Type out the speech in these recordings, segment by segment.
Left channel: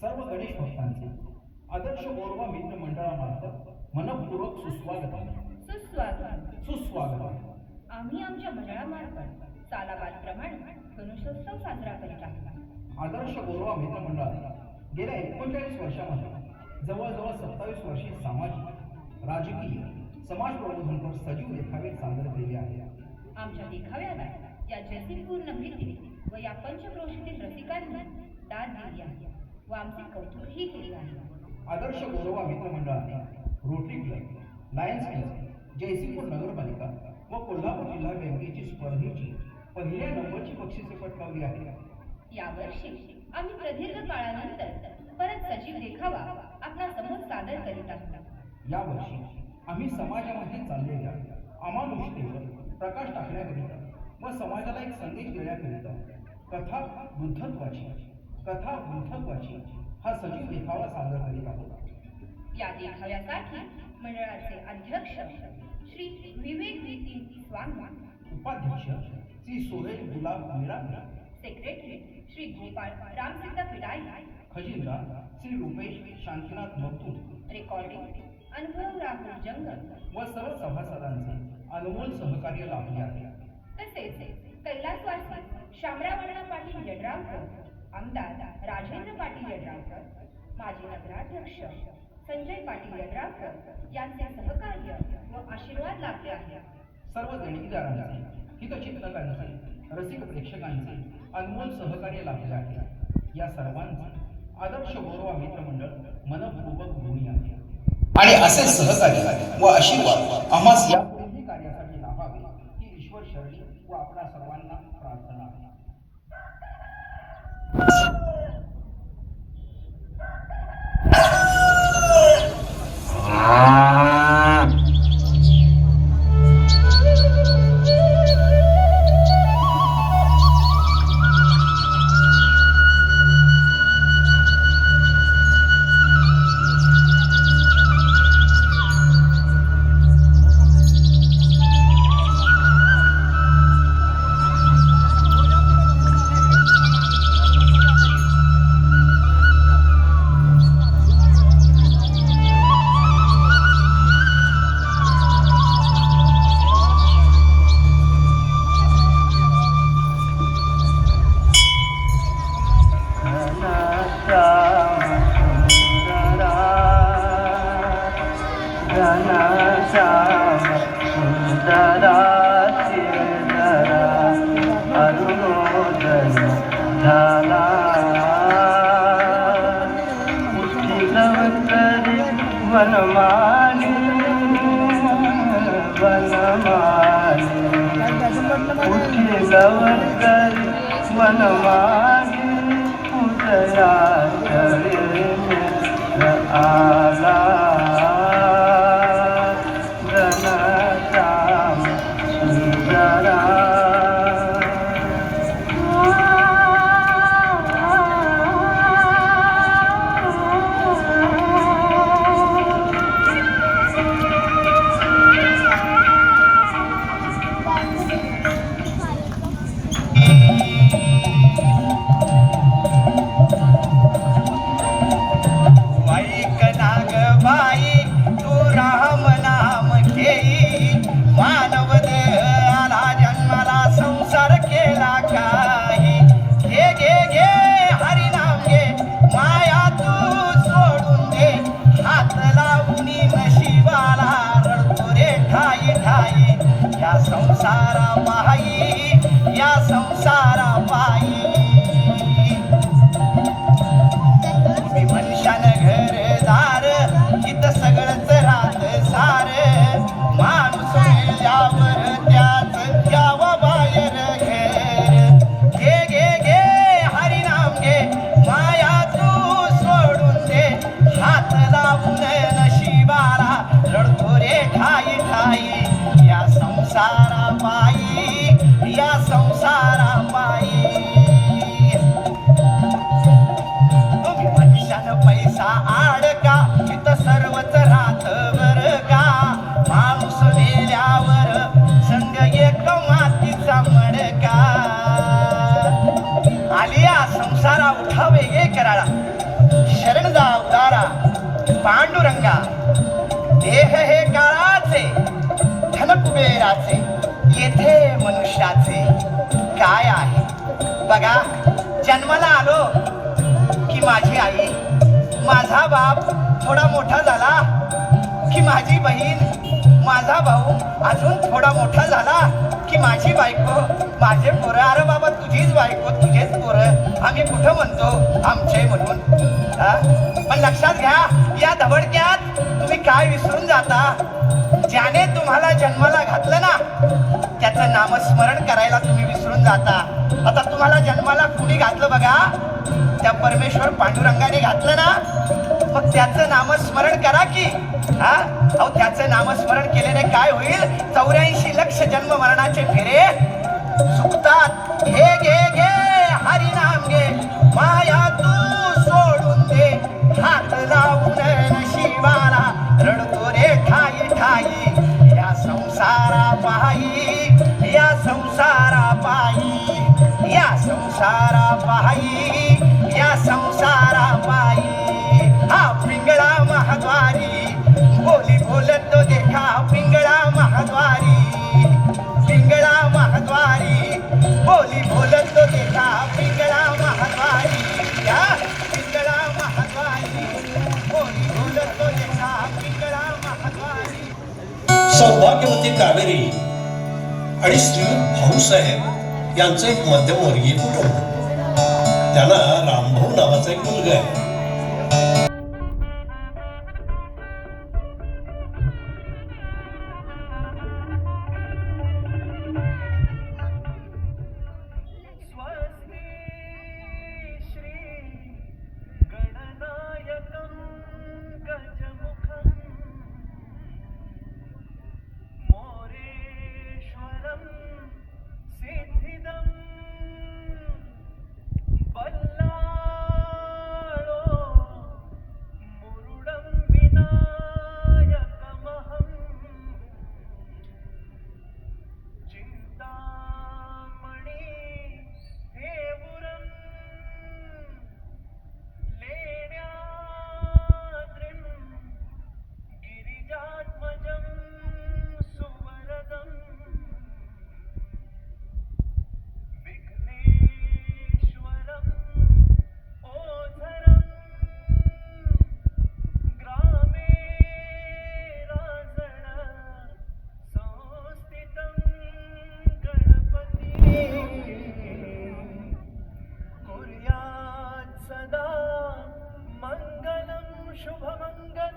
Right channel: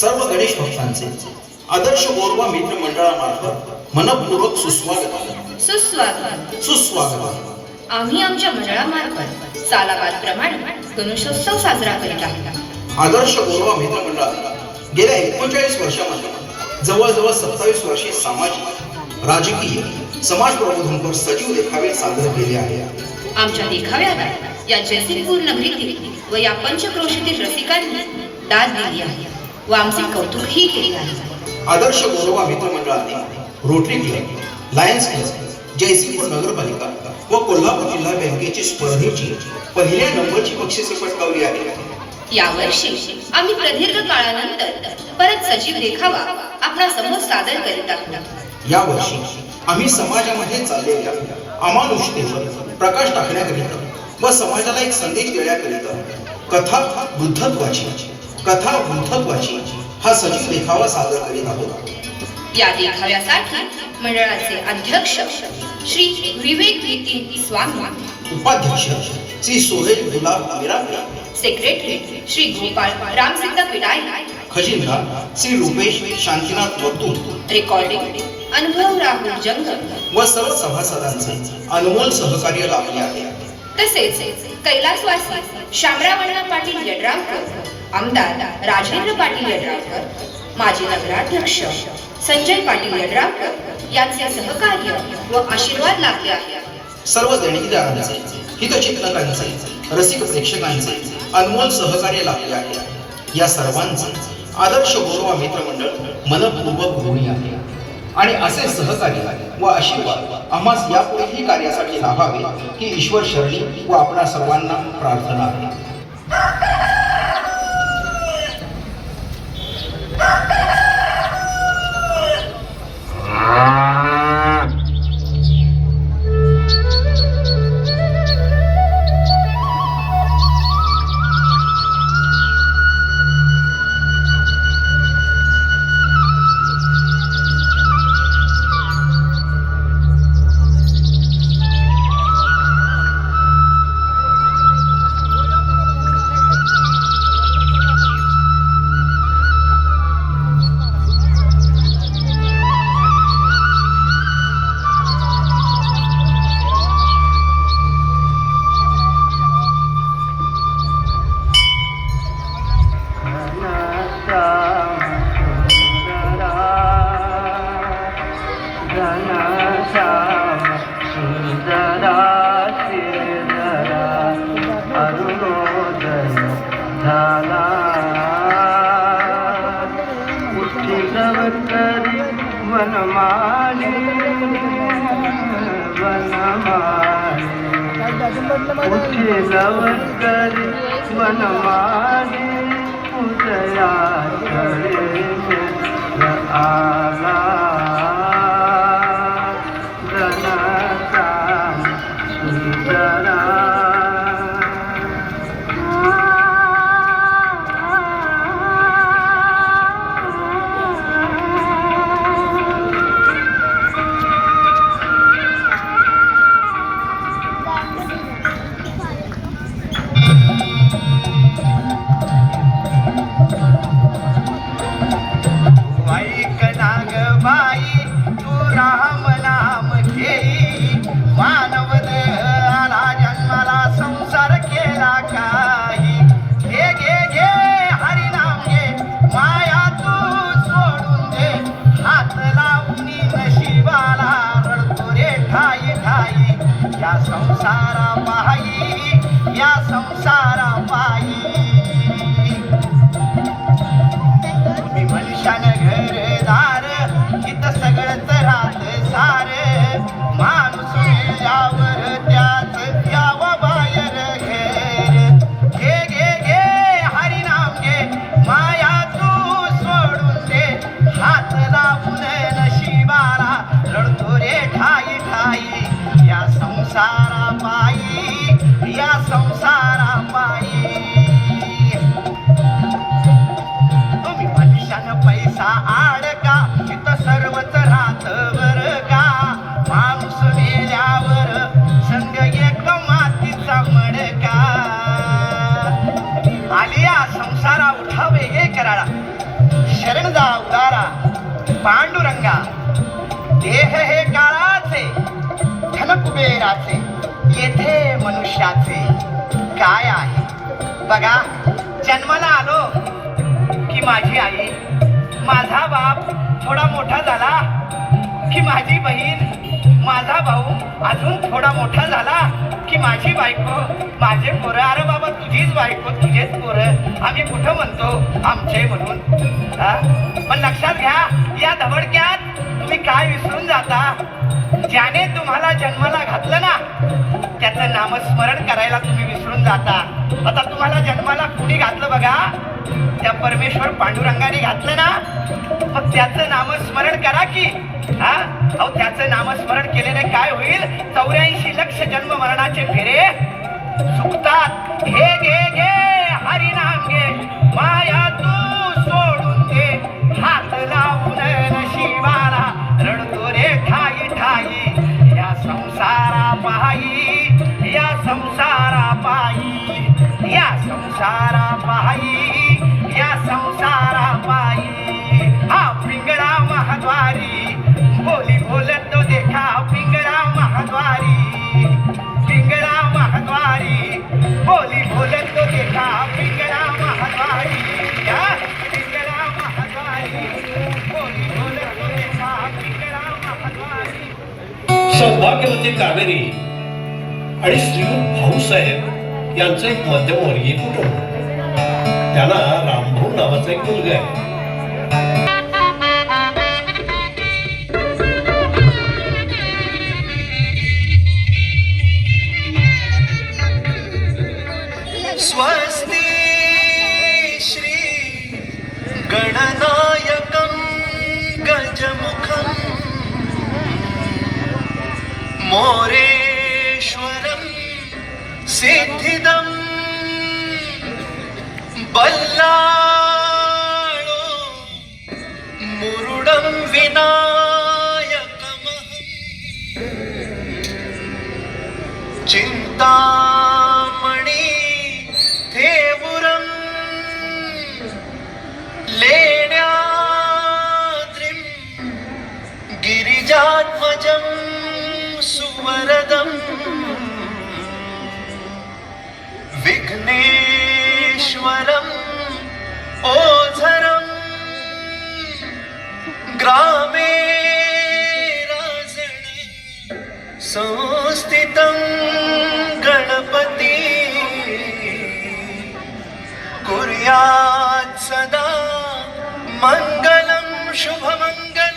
सर्व गणेश भक्तांचे आदर्श गोरवा मित्र मंडळामार्फत मनपूर्वक सुस्वागत. सुस्वागत. आम्ही आमच्या मंडळामार्फत सालाबादप्रमाणे गणेशोत्सव साजरा करीत आहोत. आदर्श गोरवा मित्र मंडळात गेल्या 39 वर्षामध्ये जवळजवळ 27 वर्षे सामाजिक, राजकीय, समाज प्रबोधनपर सजीव देखावे सादर केले आहे. आमच्या देखाव्याला या जयसिंगपूर नगरीतील व या पंचक्रोशीतील रसिकांनी दाद दिली आहे व आमचे कौतुकही केले आहे. आदर्श गोरवा मित्र मंडळाने Rotary Club, Lions Club, Jaysingpur नगरपालिका व कोल्हापूर जिल्हा बँकेची स्पर्धेची पहिल्या नंबरची बक्षिसे पटकावली आहे. यावर्षी आम्ही प्रदीर्घ काळानंतर परत सजीव देखावा आपणा समोर सादर करीत आहोत. यावर्षी आम्ही समाजामध्ये चाललेल्या अमानुषतेवर प्रकाश टाकण्याकरिता व समाजाला एक संदेश देण्याकरिता कथा बुद्धत्वाची हा सजीव देखावा सादर करीत आहोत. या देखाव्यासाठी मंडळाचे अध्यक्ष श्री विवेक नितीन स्वामी, उपाध्यक्ष श्री सोहेल गुलाब मिरापे, सेक्रेटरी श्री गोपाळ रामसिद्ध पिडाई, खजिनदार श्री रुपेश शांतीनाथ वक्तू, रेकॉर्डिंग अनुभव राहुल जंगल व सर्व सभासदांचे अनमोल सहकार्य लाभले आहे. तसेच कैलासवासी शामराव पाटील यड्रावकर, आमदार राजेंद्र पाटील यड्रावकर, माजी नगराध्यक्ष संजय पाटील यड्रावकर यांचे सहकार्य व आशीर्वाद लाभले आहे. सर्व देणगीदारांचे, हितचिंतकांचे, रसिक प्रेक्षकांचे अनमोल सहकार्य लाभले आहे. या सर्वांचे आदर्श गोरवा मित्र मंडळ मनपूर्वक ऋणी आहे आणि असे सहकार्य व आशीर्वाद आम्हास यापुढेही कार्यासाठी लाभावे ही ईश्वर शरणी व आपणा सर्वांना प्रार्थना आहे. शरणदा उदारा पांडुरंगा. देह हे काळाचे धन कुबेराचे, येथे मनुष्याचे काय आहे. बघा, जन्माला आलो की माझी आई, माझा बाप थोडा मोठा झाला की माझी बहीण, माझा भाऊ अजून थोडा मोठा झाला की माझी बायको, माझे पोरं. अरे बाबा, तुझीच बायको, तुझेच पोरं, आम्ही कुठं म्हणतो आमचे म्हणून. पण लक्षात घ्या, या धबडक्यात तुम्ही काय विसरून जाता. ज्याने तुम्हाला जन्माला घातलं ना, त्याचं नामस्मरण करायला तुम्ही विसरून जाता. आता तुम्हाला जन्माला कुणी घातलं बघा, त्या परमेश्वर पांडुरंगाने घातलं ना, मग त्याचं नामस्मरण करा की. अहो, त्याचं नामस्मरण केल्याने काय होईल, 84 लक्ष जन्म मरणाचे फेरे चुकतात. हे घे घे हरिनाम घे, माया तू सोडून दे, हात लावून नशिबाला रडतो रे ठाई ठाई. या संसारा पायी, या संसारा पायी, या संसारा पायी, या संसारा पायी. हा पिंगळा महाद्वारी, बोली बोलतो देखा पिंगळा महाद्वारी, पिंगळा महाद्वारी, बोली बोलतो देखा पिंगळा महाद्वारी. या पिंगळा महाद्वारी, बोली बोलतो देखा पिंगळा महाद्वारी. सौभाग्यवती कावेरी आणि श्रीयुत भाऊसाहेब यांचं एक मध्यमवर्गीय कुटुंब. त्यांना रामभाऊ नावाचा एक मुलगा आहे. स्वस्ति श्री गणनायकं गजमुखं मोरेश्वरं सिद्धिदं बल्लाळो मुरुडं विनायकमहं चिंतामणि देवुरं लेण्याद्रिं गिरिजात्मजं सुवरदं विघ्नेश्वरं ओझरं ग्रामे राजन संस्थितं गणपती कुर्यात् सदा मंगलं शुभमंगल.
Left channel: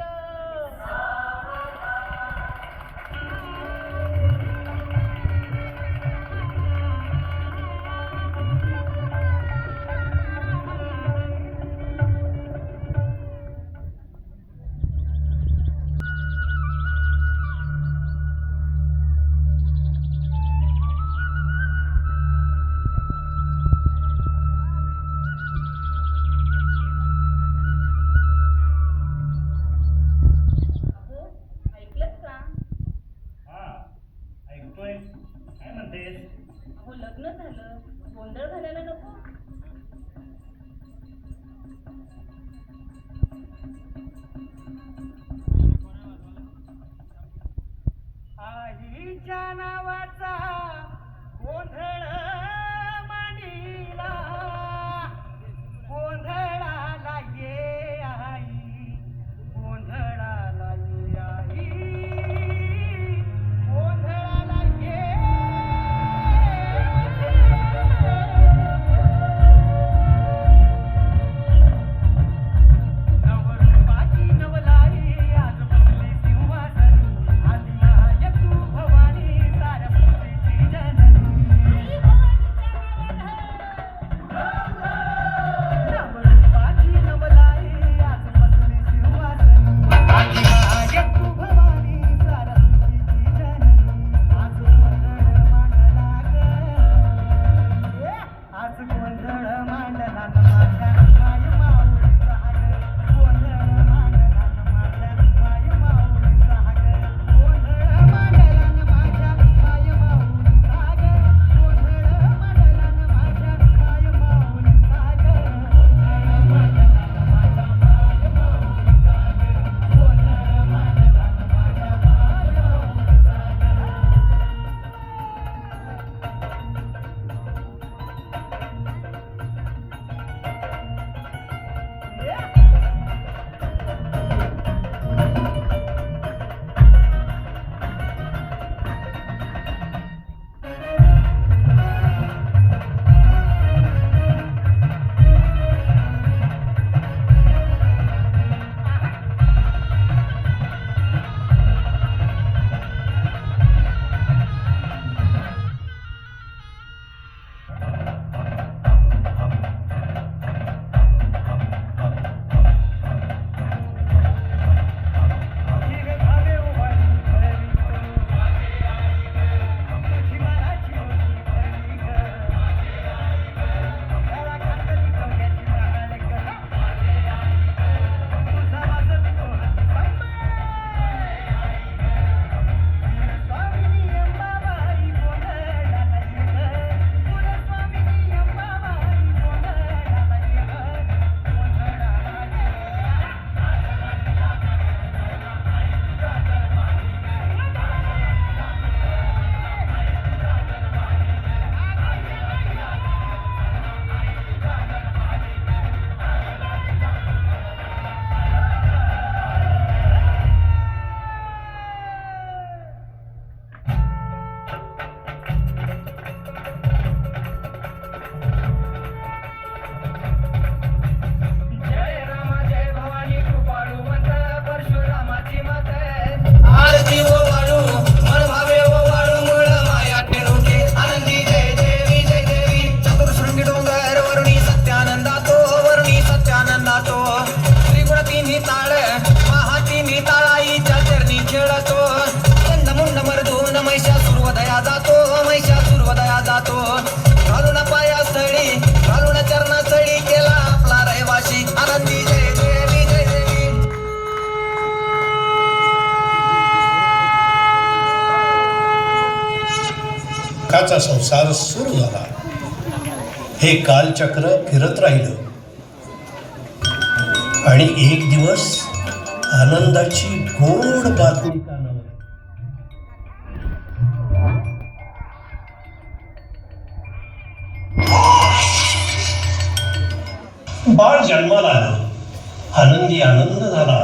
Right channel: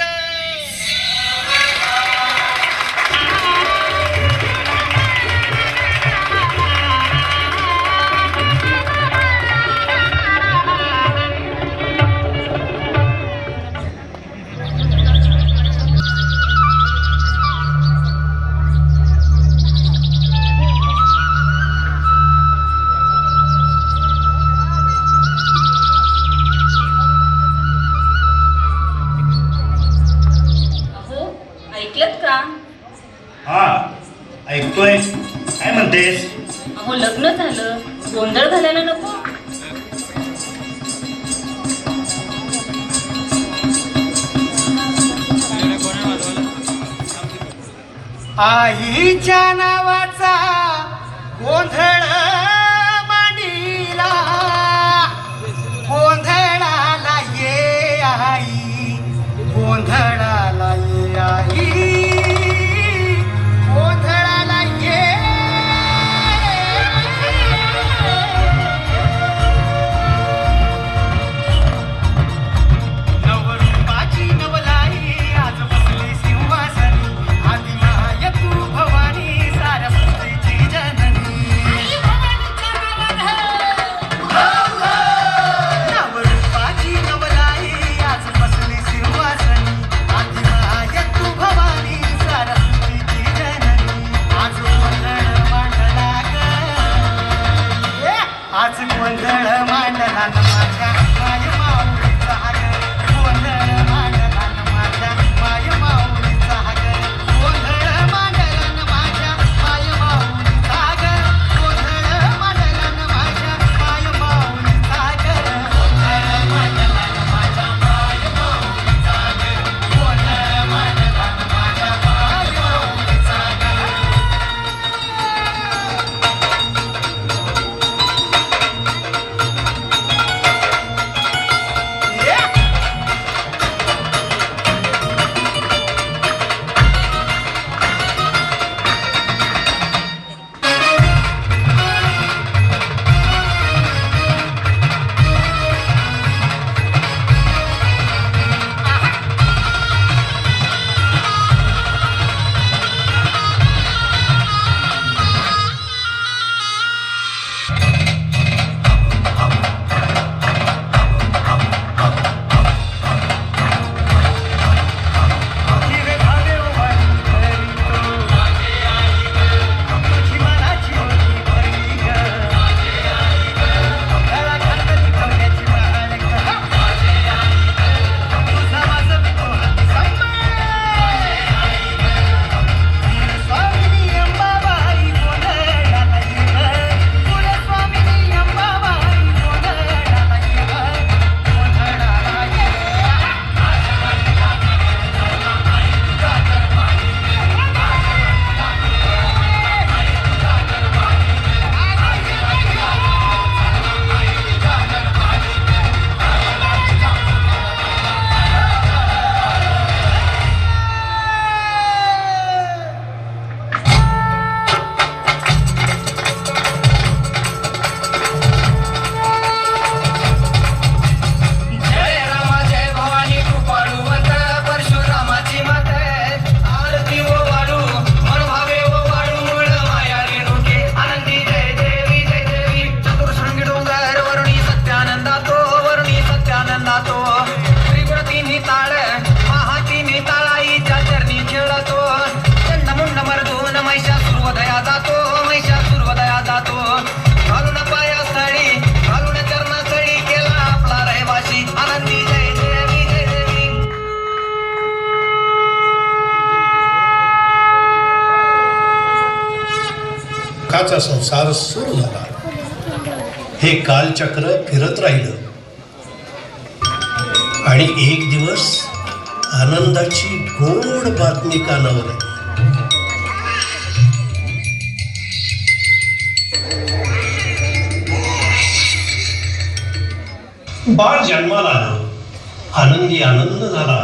ऐकलत का? हा, ऐकतोय. काय म्हणतेस? अहो, लग्न झालं, गोंधळ घालायला नको. आईच्या नावाचा गोंधळ मांडीला, गोंधळाला ये आई, गोंधळाला ये आई, गोंधळाला ये. नवरूपाची नवलाई आज बसली सिंहासनी, आदिमाय तू भवानी सारस्वतीची जननी. नवरूपाची नवलाई आज बसली सिंहासनी, आदिमाय तू भवानी सारस्वतीची जननी. आज गोंधळ मांडला ग, आज गोंधळ मांडला न माझ्या माय माऊलीचा ग, गोंधळ मांडला न माझ्या माय माऊलीचा ग, गोंधळ मांडला न माझ्या माय माऊलीचा ग, गोंधळ मांडला न माझ्या माय माऊलीचा ग, गोंधळ मांडला न माझ्या माय सत्यानंदातो वर्णी सत्यानंदातो त्रिगुण तिन्ही ताळ महातिन्ही ताळाईच्या चरणी खेळतो चंडमुंड मर्दून महिषासुरवदया जातो महिषासुरवदया जातो घालून पायास्थळी घालून चरणास्थळी केला आपला रहिवासी आनंदी जय देवी जय देवी. सुखाचा संसार सुरू झाला. हे कालचक्र फिरत राहिलं आणि एक दिवस आनंदाची गोड बातमी कानावर आली. बाळ जन्माला आलं. आनंदी आनंद झाला.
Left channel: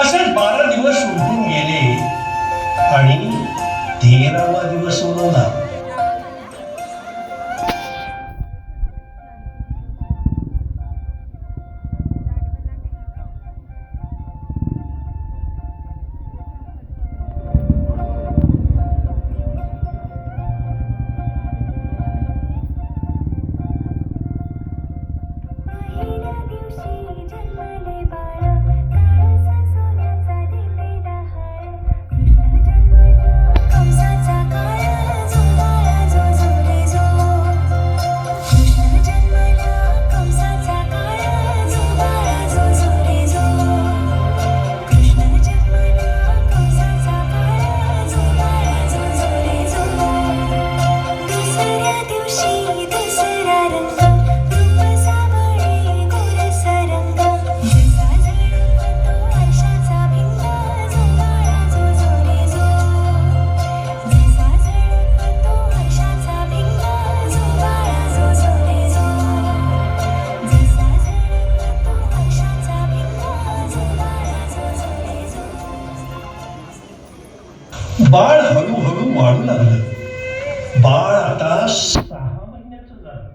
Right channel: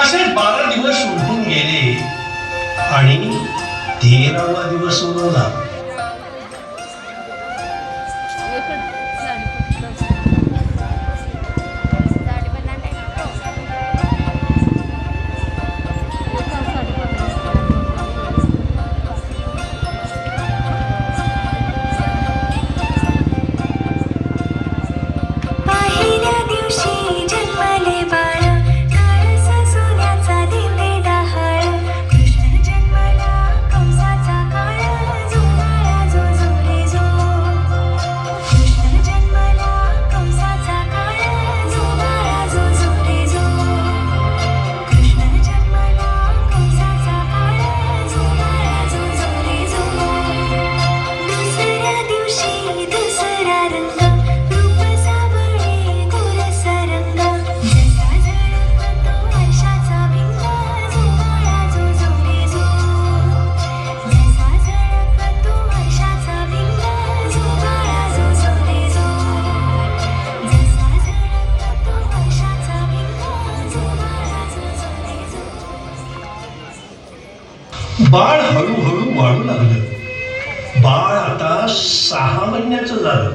असे 12 दिवस उलटून गेले आणि 13वा दिवस उगवला. पहिल्या दिवशी जन्मले बाळ काळसा सोन्याचा दिले डहाळ कृष्ण जन्मला कंसाचा काळ झुलाया जो झुले जो कृष्ण जन्मला कंसाचा काळ झुलाया जो झुले जो कृष्ण जन्मला कंसाचा काळ झुलाया जो झुले जो. दुसऱ्या दिवशी दसरा रंग रूप सावळे गोरस रंग जसा झळकतो वर्षाचा भिंग झुलाया जो झुले जो जसा झळकतो वर्षाचा भिंग झुलाया जो झुले जो जसा झळकतो वर्षाचा भिंग झुलाया जो झुले जो. बाळ हळूहळू वाढू लागलं. बाळ आता 6 महिन्याचं झालं.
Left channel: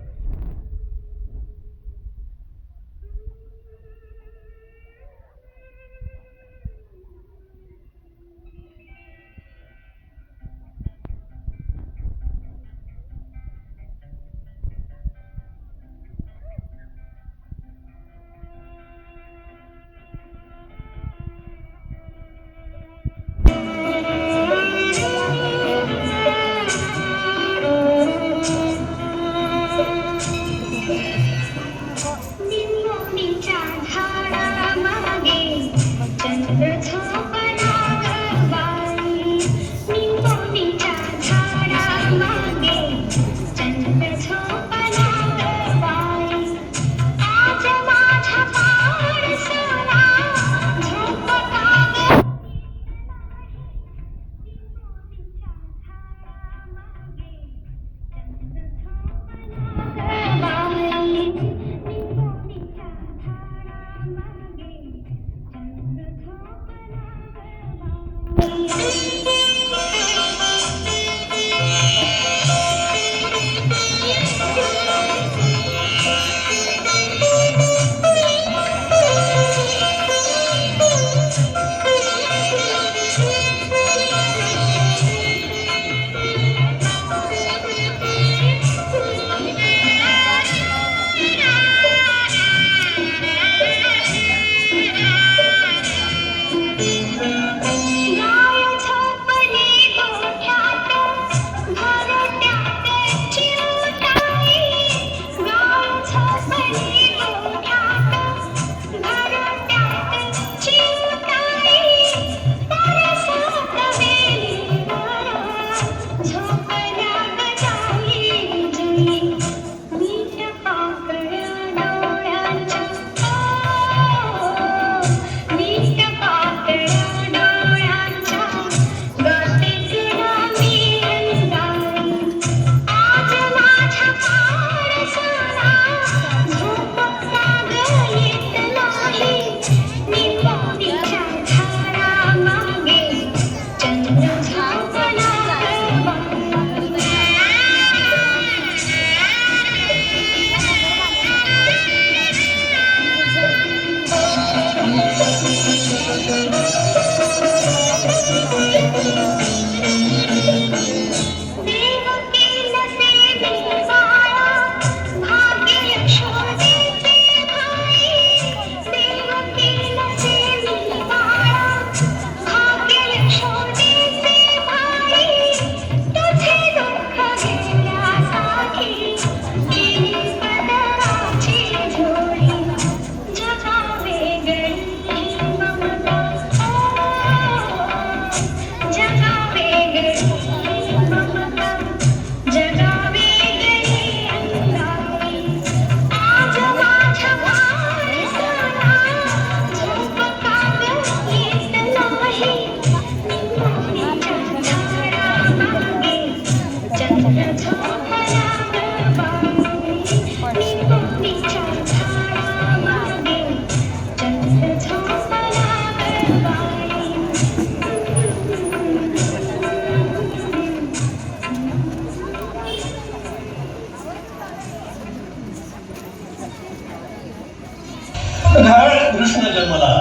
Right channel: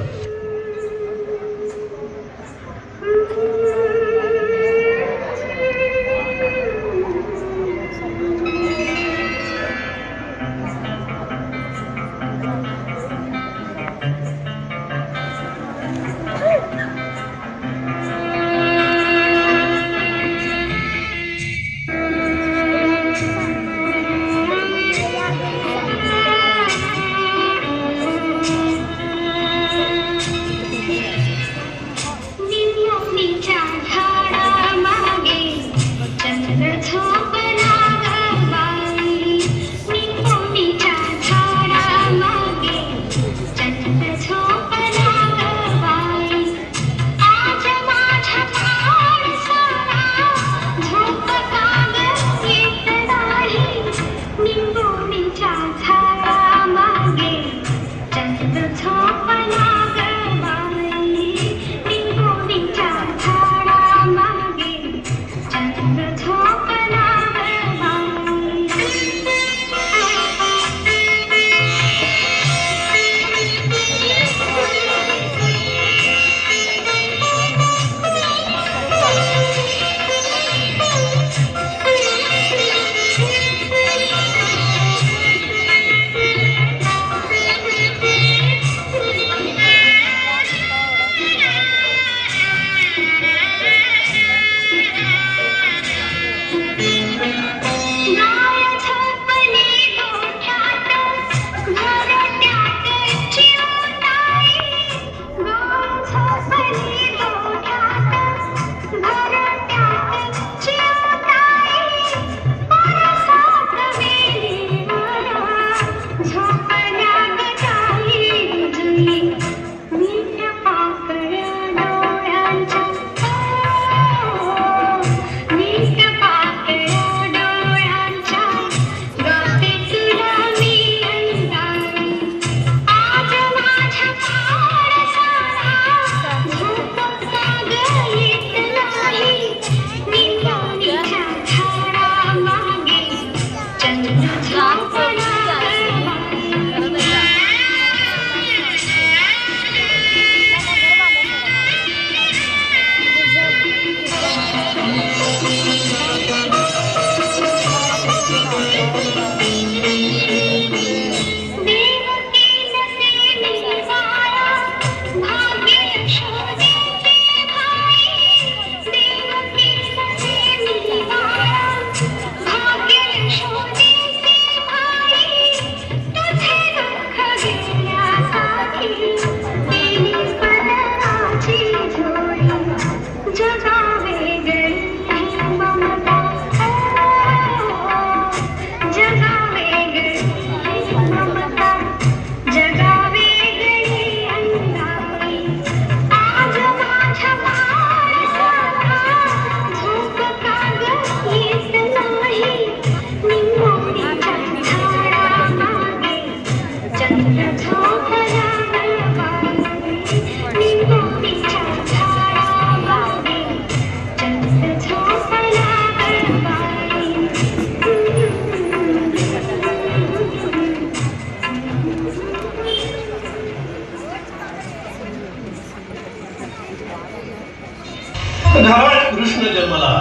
घावात कृष्ण जन्मला,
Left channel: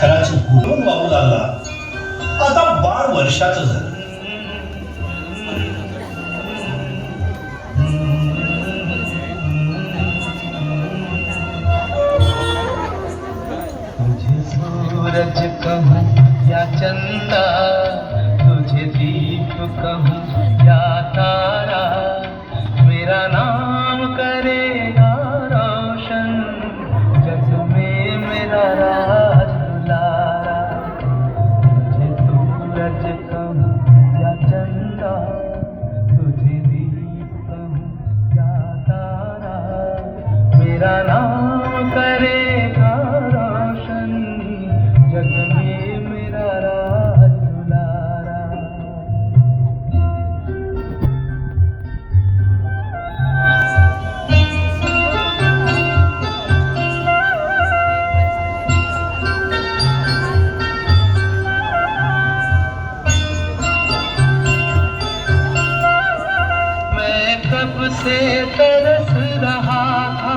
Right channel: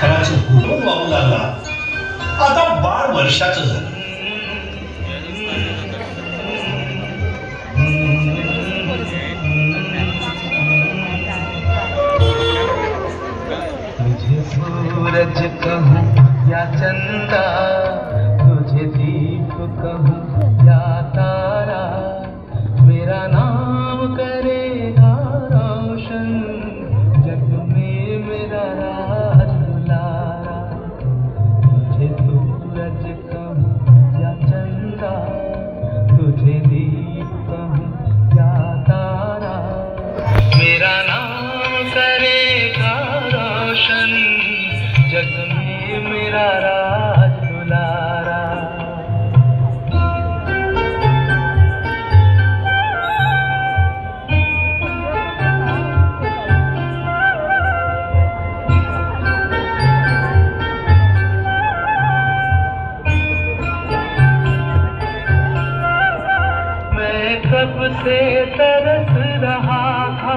खराच गुरून वाहू लागला. आता बाळ वर्षाचं झालं. तुझे सूरज कहूँ या चंदा, तुझे दीप कहूँ या तारा, मेरा नाम करेगा रोशन, जग में मेरा राज दुलारा. तुझे सूरज कहूँ या चंदा, तुझे दीप कहूँ या तारा, मेरा नाम करेगा रोशन, जग में मेरा राज दुलारा. मैं कब से तरस रहा था,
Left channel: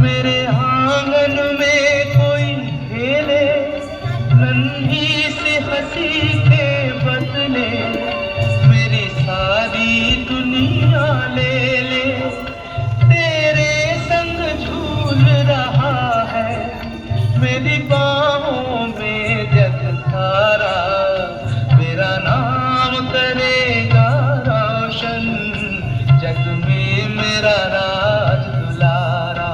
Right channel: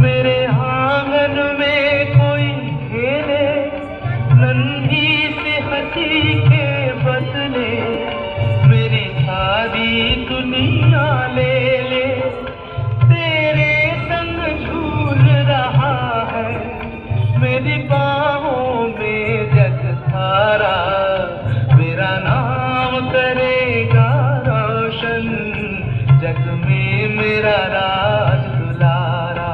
मेरे आंगन में कोई खेले, नन्ही सी हंसी के बदले मेरी सारी दुनिया ले ले. तेरे संग झूल रहा है मेरी बाहों में जग सारा, मेरा नाम करेगा रोशन, जग में मेरा राज दुलारा.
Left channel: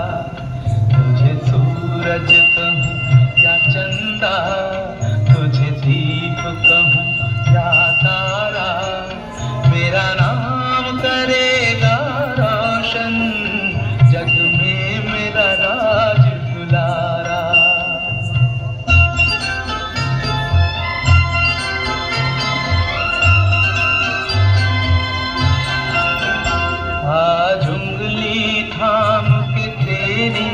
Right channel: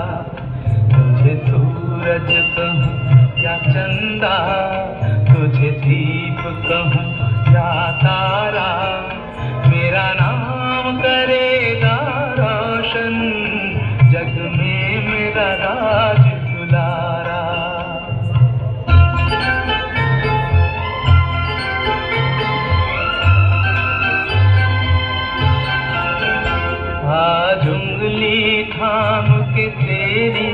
तुझे सूरज कहूँ या चंदा, तुझे दीप कहूँ या तारा, मेरा नाम करेगा रोशन, जग में मेरा राज दुलारा. आज उंगली थाम के तेरी,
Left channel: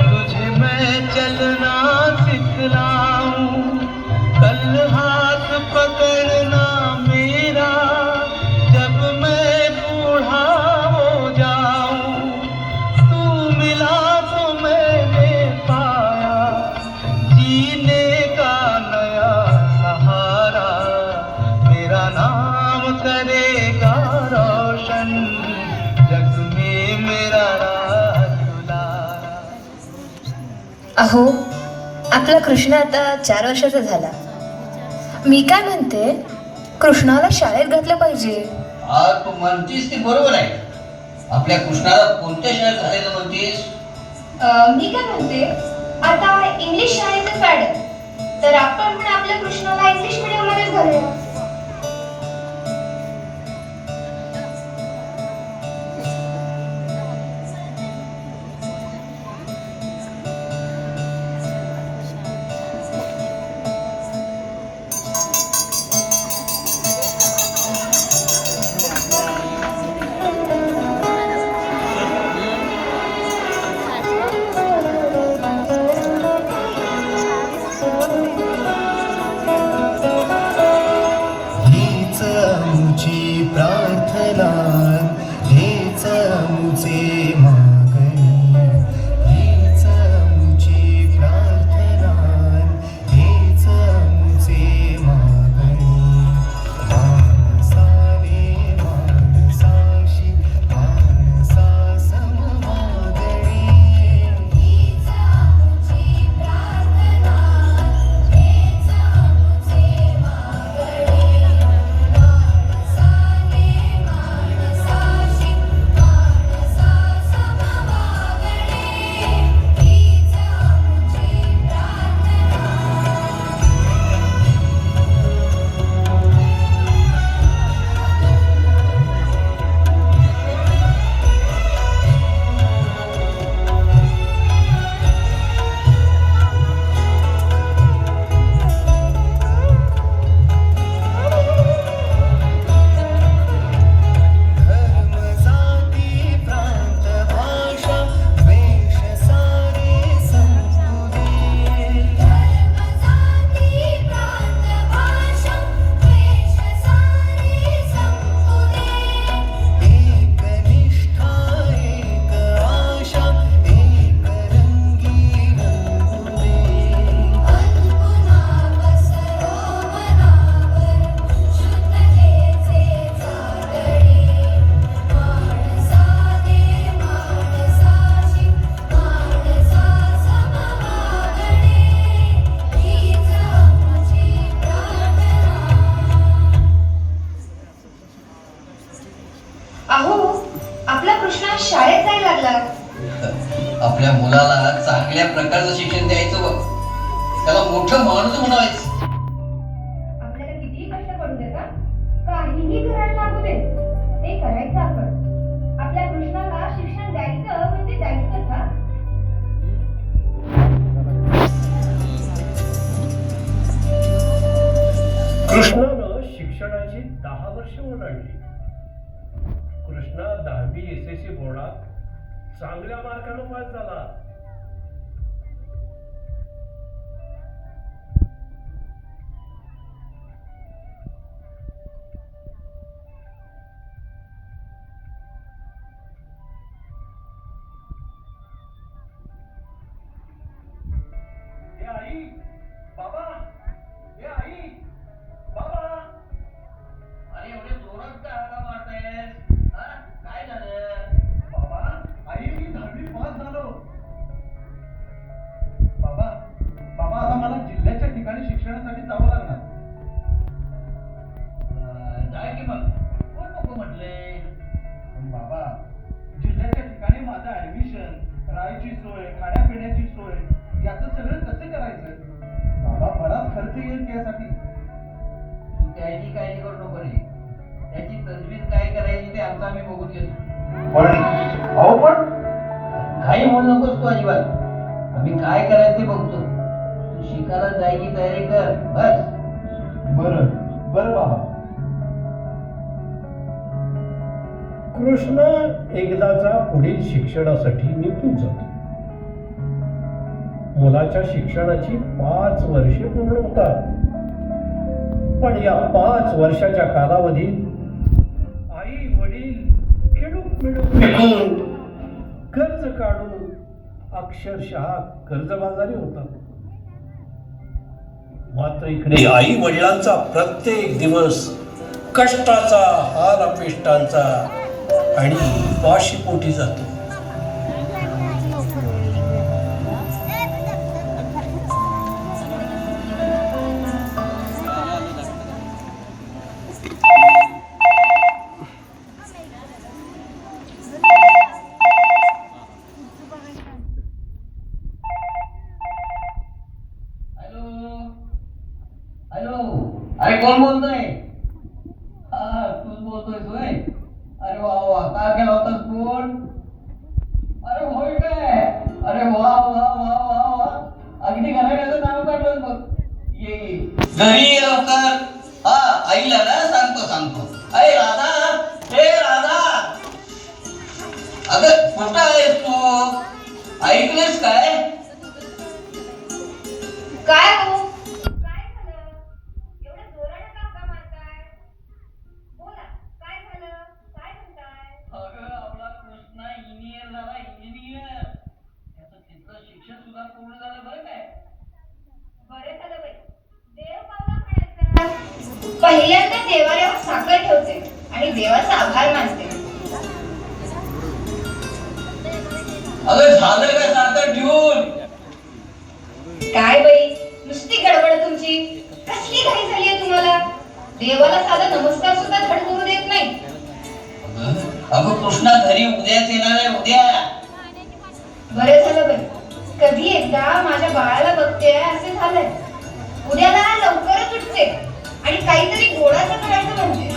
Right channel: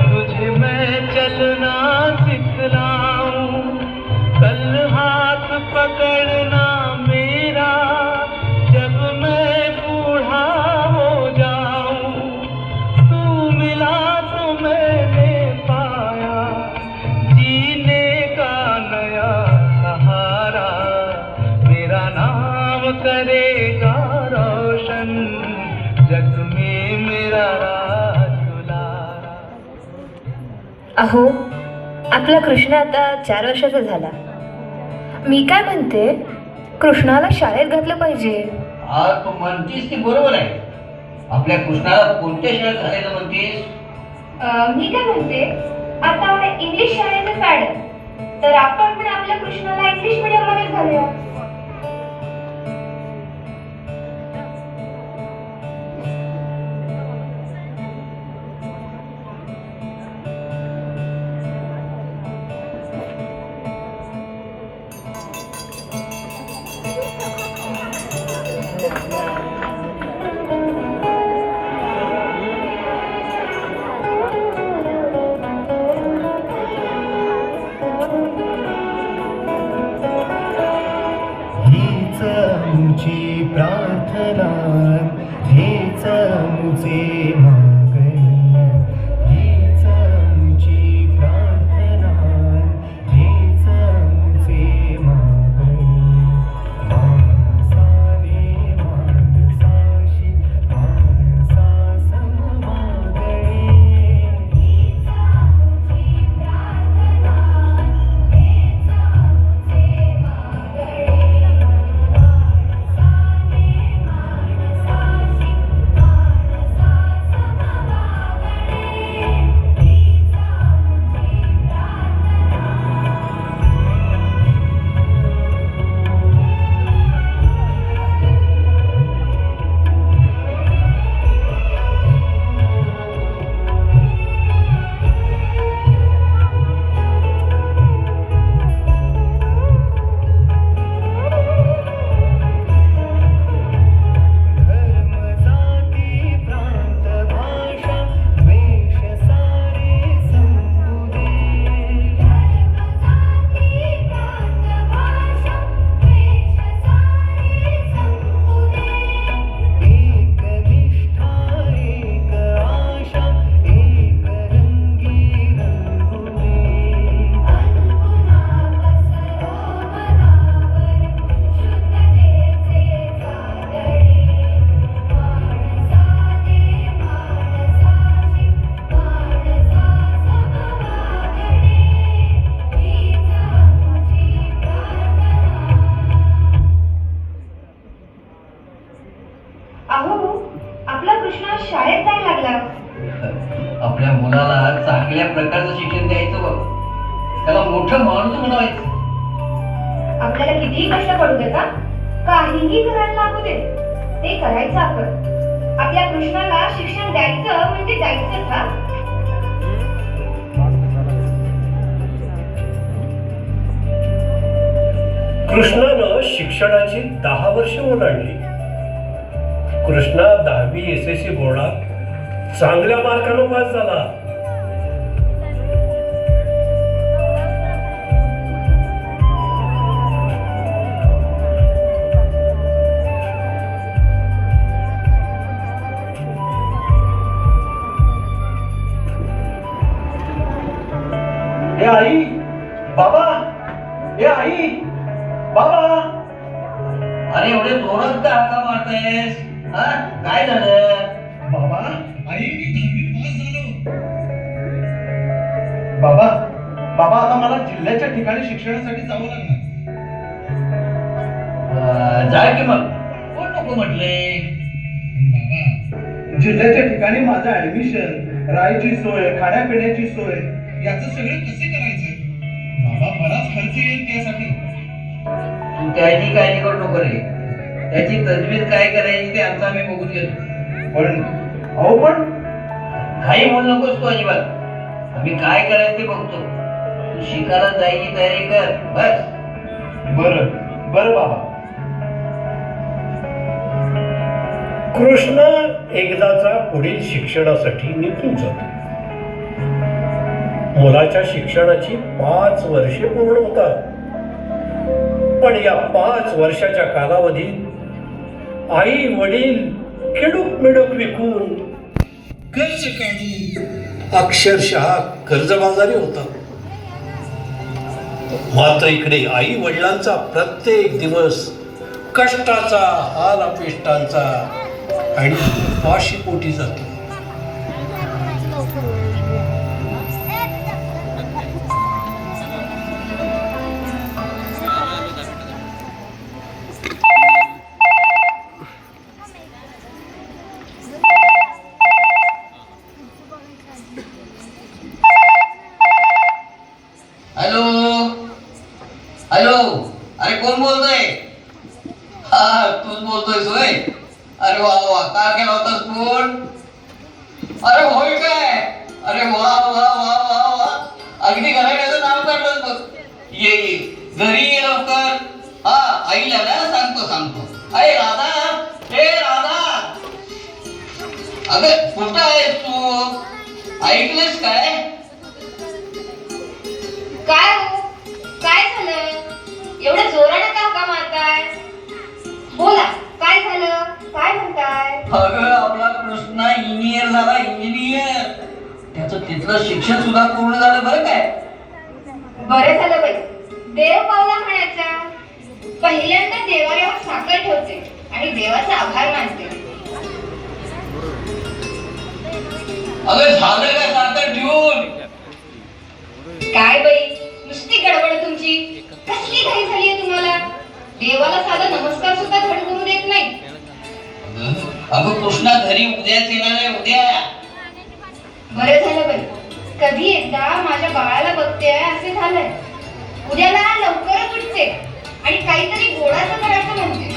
तुझे मैं चलना सिखलाऊं, कल हाथ पकड़ना मेरा, जब मैं बूढ़ा हो जाऊं. तू मिला तो मैंने पाया जीने का नया सहारा, मेरा नाम करेगा रोशन, जग में मेरा राज दुलारा. अहो, आपला कृष्ण आता 4 वर्षाचा झाला. मी काय म्हणते, कृष्णाला शाळेत घातलं पाहिजे. तू म्हणतीस ती बरोबर आहे. आपल्या कृष्णाला कोणत्या शाळेत घालायचं म्हणतीस? मी काय म्हणते, आता इंग्लिश शाळेचं फॅड आहे, तर आपण पण आपल्या कृष्णाला इंग्लिश मीडियममध्येच घालूया. आपल्या मुलाला चांगल्या प्रकारचं शिक्षण द्यायचं बघ. त्याला मोठं माणूस बनवायचं. आपल्याला कितीही कष्ट पडू दे का काहीही करायला लागू दे ते करायचं आपण. आपल्या कृष्णाला शिक्षण द्यायचं म्हणजे द्यायचं का? कृष्णानं शिक्षणाची 10 वर्ष ओलांडली. कृष्णा 10वी SSC बोर्डात चांगल्या मार्कानं पास झाला. ए आई, बाबा, ए आई, बाबा. अरे एवढे जोरात का हाका मारतायस? हा, काय झालं? बाबा, आई मी 10वी पास झालो. बाबा, बाबा आता मला जिल्ह्याच्या ठिकाणी शिक्षणासाठी जावं लागणार. जा की मग. कोण नको म्हटले? बाबा, जिल्ह्याच्या ठिकाणी माझं ऍडमिशन, राहायची सोय, खाण्यापिण्याची सोय याचं सगळं कसे करायचं? बाबा, बराच खर्च येईल त्यासाठी. तू त्याची काळजी करू नको रे. त्याची तजवीज काय करायची ते आमचं आम्ही बघून घेतो. पण काही म्हणू नकोस तू अजिबात. आम्ही काय करायचं ते बघतो. तू शिकायला जायची तयारी कर बस. बरं बरं बाबा. कृष्ण एकदाचा पुढील शिक्षणासाठी निघून जातो. मुलाच्या शिक्षणाची 5 वर्षे पूर्ण होतात. पण या 5 वर्षाच्या कालावधीत आई वडील खिडूक मिडूक विकून कर्ज काढून अक्षरशः कर्जबाजारी होतात. मात्र इकडे आई वडिलांचा प्रत्येक दिवस कष्टाचा, हाल अपेष्टांचा आणि उपाशीपोटी जातो. हॅलो हॅलो, अरे कोण बोलतोय? हा, तूच बोलतोय सोय. अरे वा वा, काय केला होतास फोन? अरे होय काय? अरे वा वा वा वा वा, अगदी घराण्याचं नाव काढलं बघ. ये ये घरी ये लवकर. हा, आईला ना सांगतो. अरे राधा, हे राधा, अगं कुठं आहेस तू? ऐकलंस काय? काय हो, काय झालं? एवढ्या जोराने का हाका मारताय? बोला, काय झालं? काय म्हणताय? अगं आपला कृष्णा इंजिनियर झाला, इंजिनियर. त्याचं तिथलं शिक्षण सुद्धा पूर्ण झालं बरं काय. बरं झालं बाई, देव पावला म्हणायचा. पहिल्यांदा देवाऱ्यावर साखर ठेवते आणि देवाचा आभार मानते. अगं झालं का साखर ठेवून? काय बाई, नुसती गडबड तुमची. कसली घाई झालीये तुम्हाला? देवाला साधा नमस्कार सुद्धा धड करू देत नाही. अगं कृष्णा घरी उद्याच येणार आहे, उद्या. बरं झालं बाई, कधी एकदा माझ्या बाळाला बघते असे झालंय. उद्याला लवकरच उठते आणि काहीतरी गोडाचं करायचं म्हणते.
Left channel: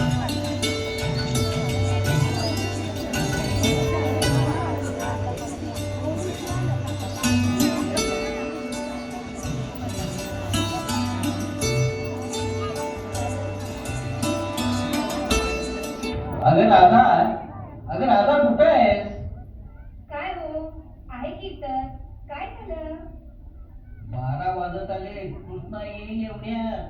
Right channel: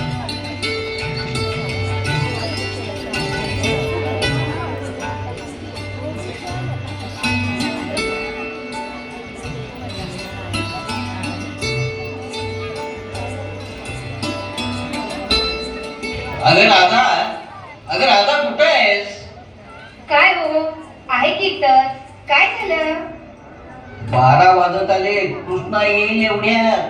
अगं राधा कुठे आहेस? काय हो, आहे की तर. काय झालं? 12 वाजत आले. कृष्णा येईल एवढ्यात.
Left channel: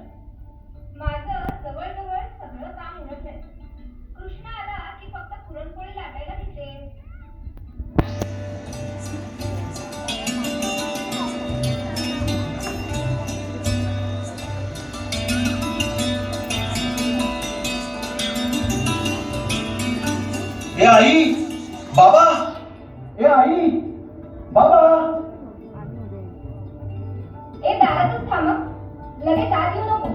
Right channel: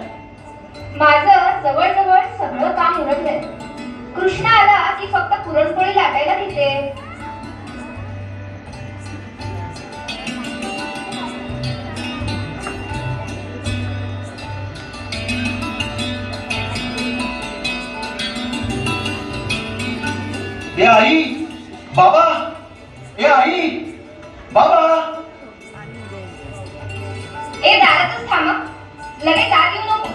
माझं जवळजवळ सगळं काम उरकलंय. कृष्ण आला की फक्त पुरणपोळी लाटायला घेते. ए आई, बाबा, ए आई, बाबा. ए दारातच थांबा, लगेच आत येऊ नको.